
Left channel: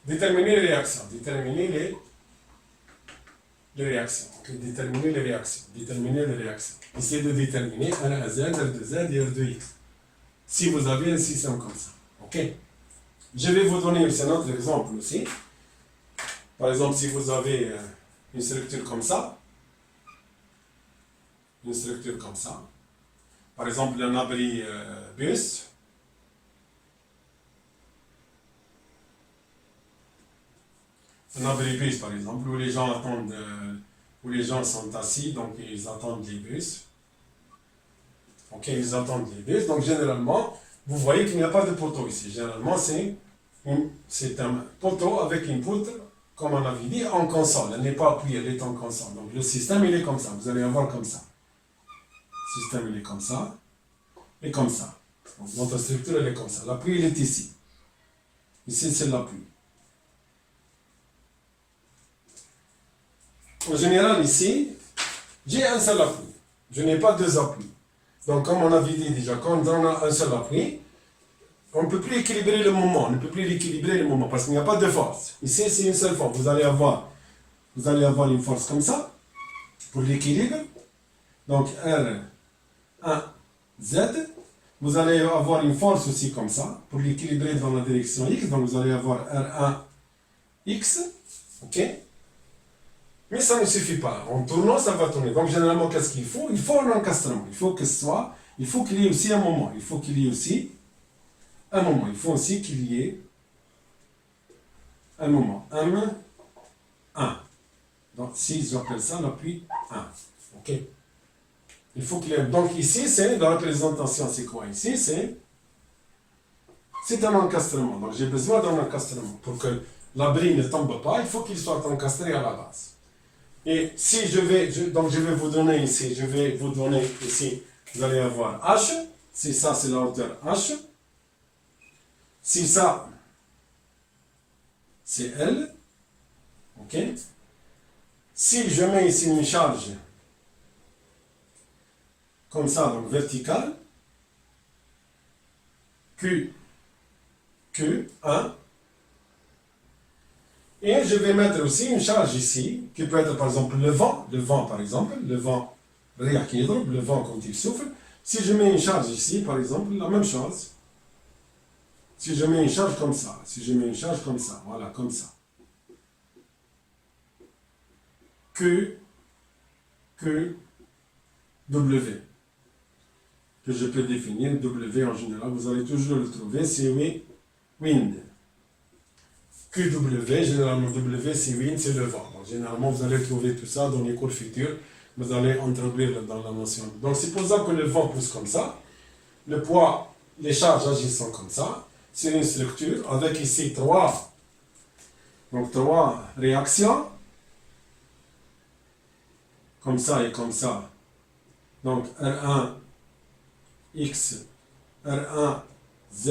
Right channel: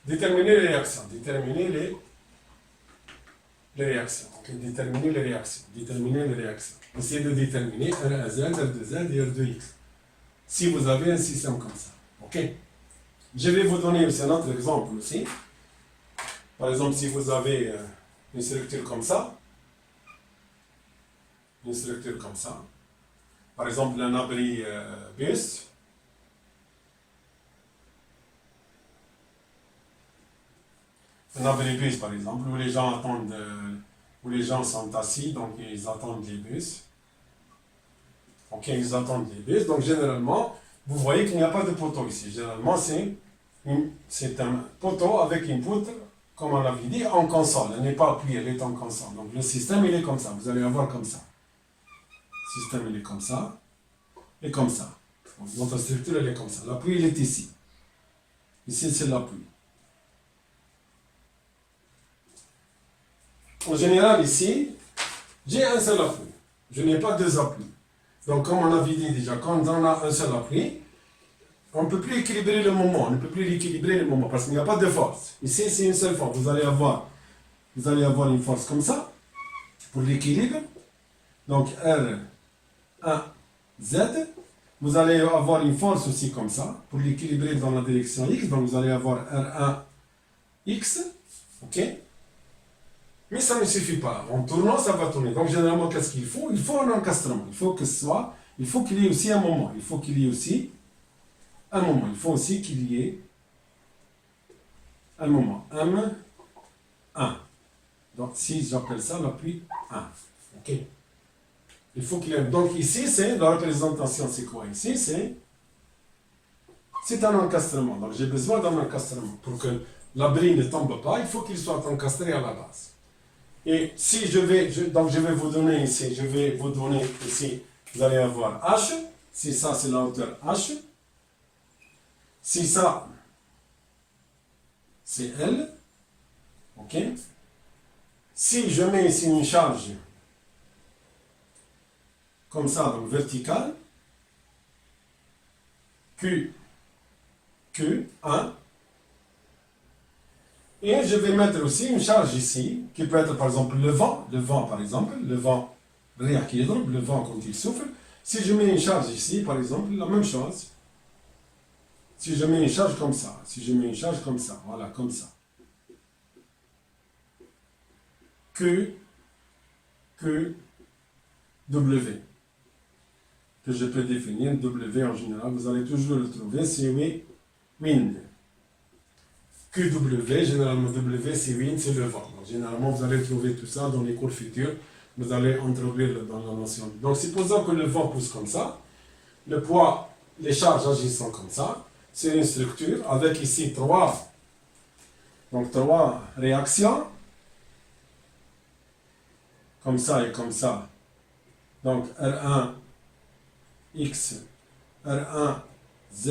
déterminer les réactions, déterminer les réactions. Essayez de déterminer R1Z, R2Z et R2X. Si vous avez un système comme ça. Ok. Je vais vous donner aussi un autre exemple aussi. Par exemple, si vous avez une structure comme ça, par exemple un abri bus, par exemple, où les gens attendent, où les gens sont assis, donc ils attendent les bus. Ok, ils attendent les bus. Donc généralement, vous voyez qu'il n'y a pas de poteau ici. Généralement, c'est un poteau avec une poutre, comme on avait dit, en console. Elle n'est pas appuyée, elle est en console. Donc le système, il est comme ça. Vous allez avoir comme ça. Le système, il est comme ça. Et comme ça. Donc, notre structure, elle est comme ça. L'appui, il est ici. Ici, c'est l'appui. En général, ici, j'ai un seul appui. Je n'ai pas deux appuis. Donc, comme on avait dit déjà, quand on a un seul appui, on ne peut plus équilibrer le moment. On ne peut plus l'équilibrer le moment parce qu'il n'y a pas de force. Ici, c'est une seule force. Vous allez avoir une force comme ça pour l'équilibre. Donc, R1Z. Vous allez avoir une force aussi comme ça pour l'équilibrer dans la direction X. Donc, vous allez avoir R1X. OK? Mais ça ne suffit pas. En tournant, ça va tourner. Donc, généralement, qu'est-ce qu'il faut? Il faut un encastrement. Il faut qu'il y ait aussi un moment. Il faut qu'il y ait aussi un moment. Il faut aussi qu'il y ait un moment. 1. Donc, si j'appelle ça l'appui 1. OK? Il faut qu'il y ait... Donc, ici, c'est la représentation. C'est quoi? Ici, c'est un encastrement. Donc, j'ai besoin d'un encastrement. Pour que l'abri ne tombe pas, il faut qu'il soit encastré à la base. Et si je vais vous donner ici, vous allez avoir H, si ça c'est la hauteur H, si ça c'est L, ok. Si je mets ici une charge comme ça, donc verticale, Q1, et je vais mettre aussi une charge ici, qui peut être par exemple le vent réaquidre, le vent quand il souffle. Si je mets une charge ici, par exemple, la même chose. Si je mets une charge comme ça, voilà, comme ça. W, que je peux définir, W en général, vous allez toujours le trouver, c'est wind. QW, généralement W, c'est wind, c'est le vent. Donc, généralement, vous allez trouver tout ça dans les cours futurs. Vous allez introduire dans la notion. Donc, supposons que le vent pousse comme ça. Le poids, les charges agissant comme ça. C'est une structure avec ici trois réactions. Comme ça et comme ça. Donc, R1, X, R1, Z.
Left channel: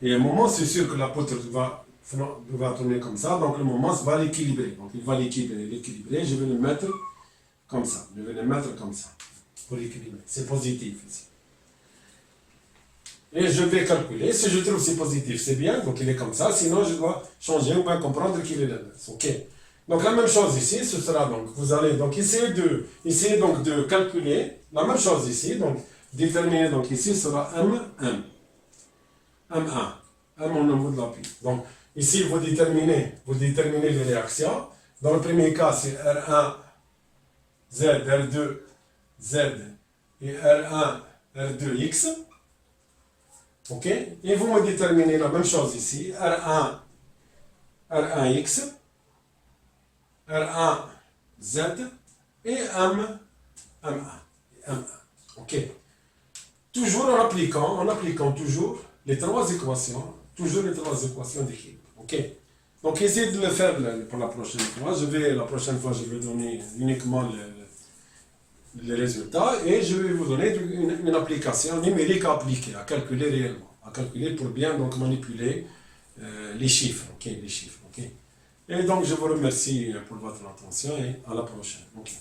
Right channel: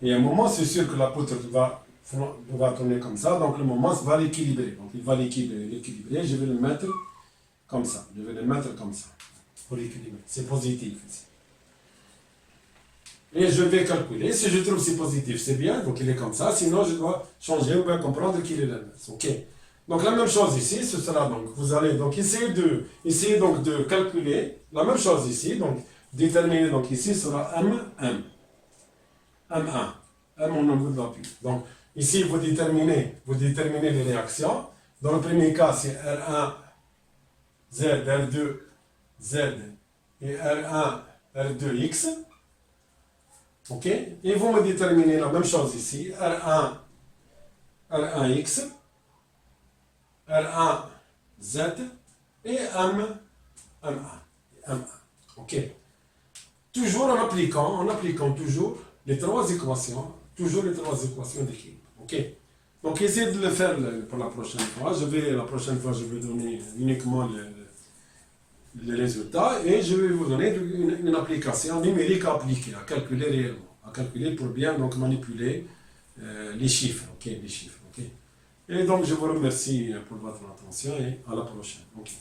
Et à un moment, c'est sûr que la poutre va tourner comme ça, donc le moment va l'équilibrer. Donc il va l'équilibrer, je vais le mettre comme ça. Je vais le mettre comme ça, pour équilibrer. C'est positif ici. Et je vais calculer. Si je trouve que c'est positif, c'est bien, donc il est comme ça. Sinon, je dois changer ou bien comprendre qu'il est l'inverse. Ok. Donc la même chose ici, ce sera donc, vous allez donc essayer donc de calculer la même chose ici. Donc déterminer, donc ici sera M1. M au niveau de l'appui. Donc ici, vous déterminez les réactions. Dans le premier cas, c'est R1, Z, R2, Z et R1, R2, X. Ok? Et vous me déterminez la même chose ici. R1 X, R1 Z et M1. Ok? Toujours en appliquant toujours les trois équations d'équilibre. Ok? Donc essayez de le faire pour la prochaine fois. La prochaine fois, je vais donner uniquement les résultats et je vais vous donner une application numérique à appliquer, à calculer réellement, à calculer pour bien donc manipuler les chiffres, ok, les chiffres, ok. Et donc je vous remercie pour votre attention et à la prochaine. Ok.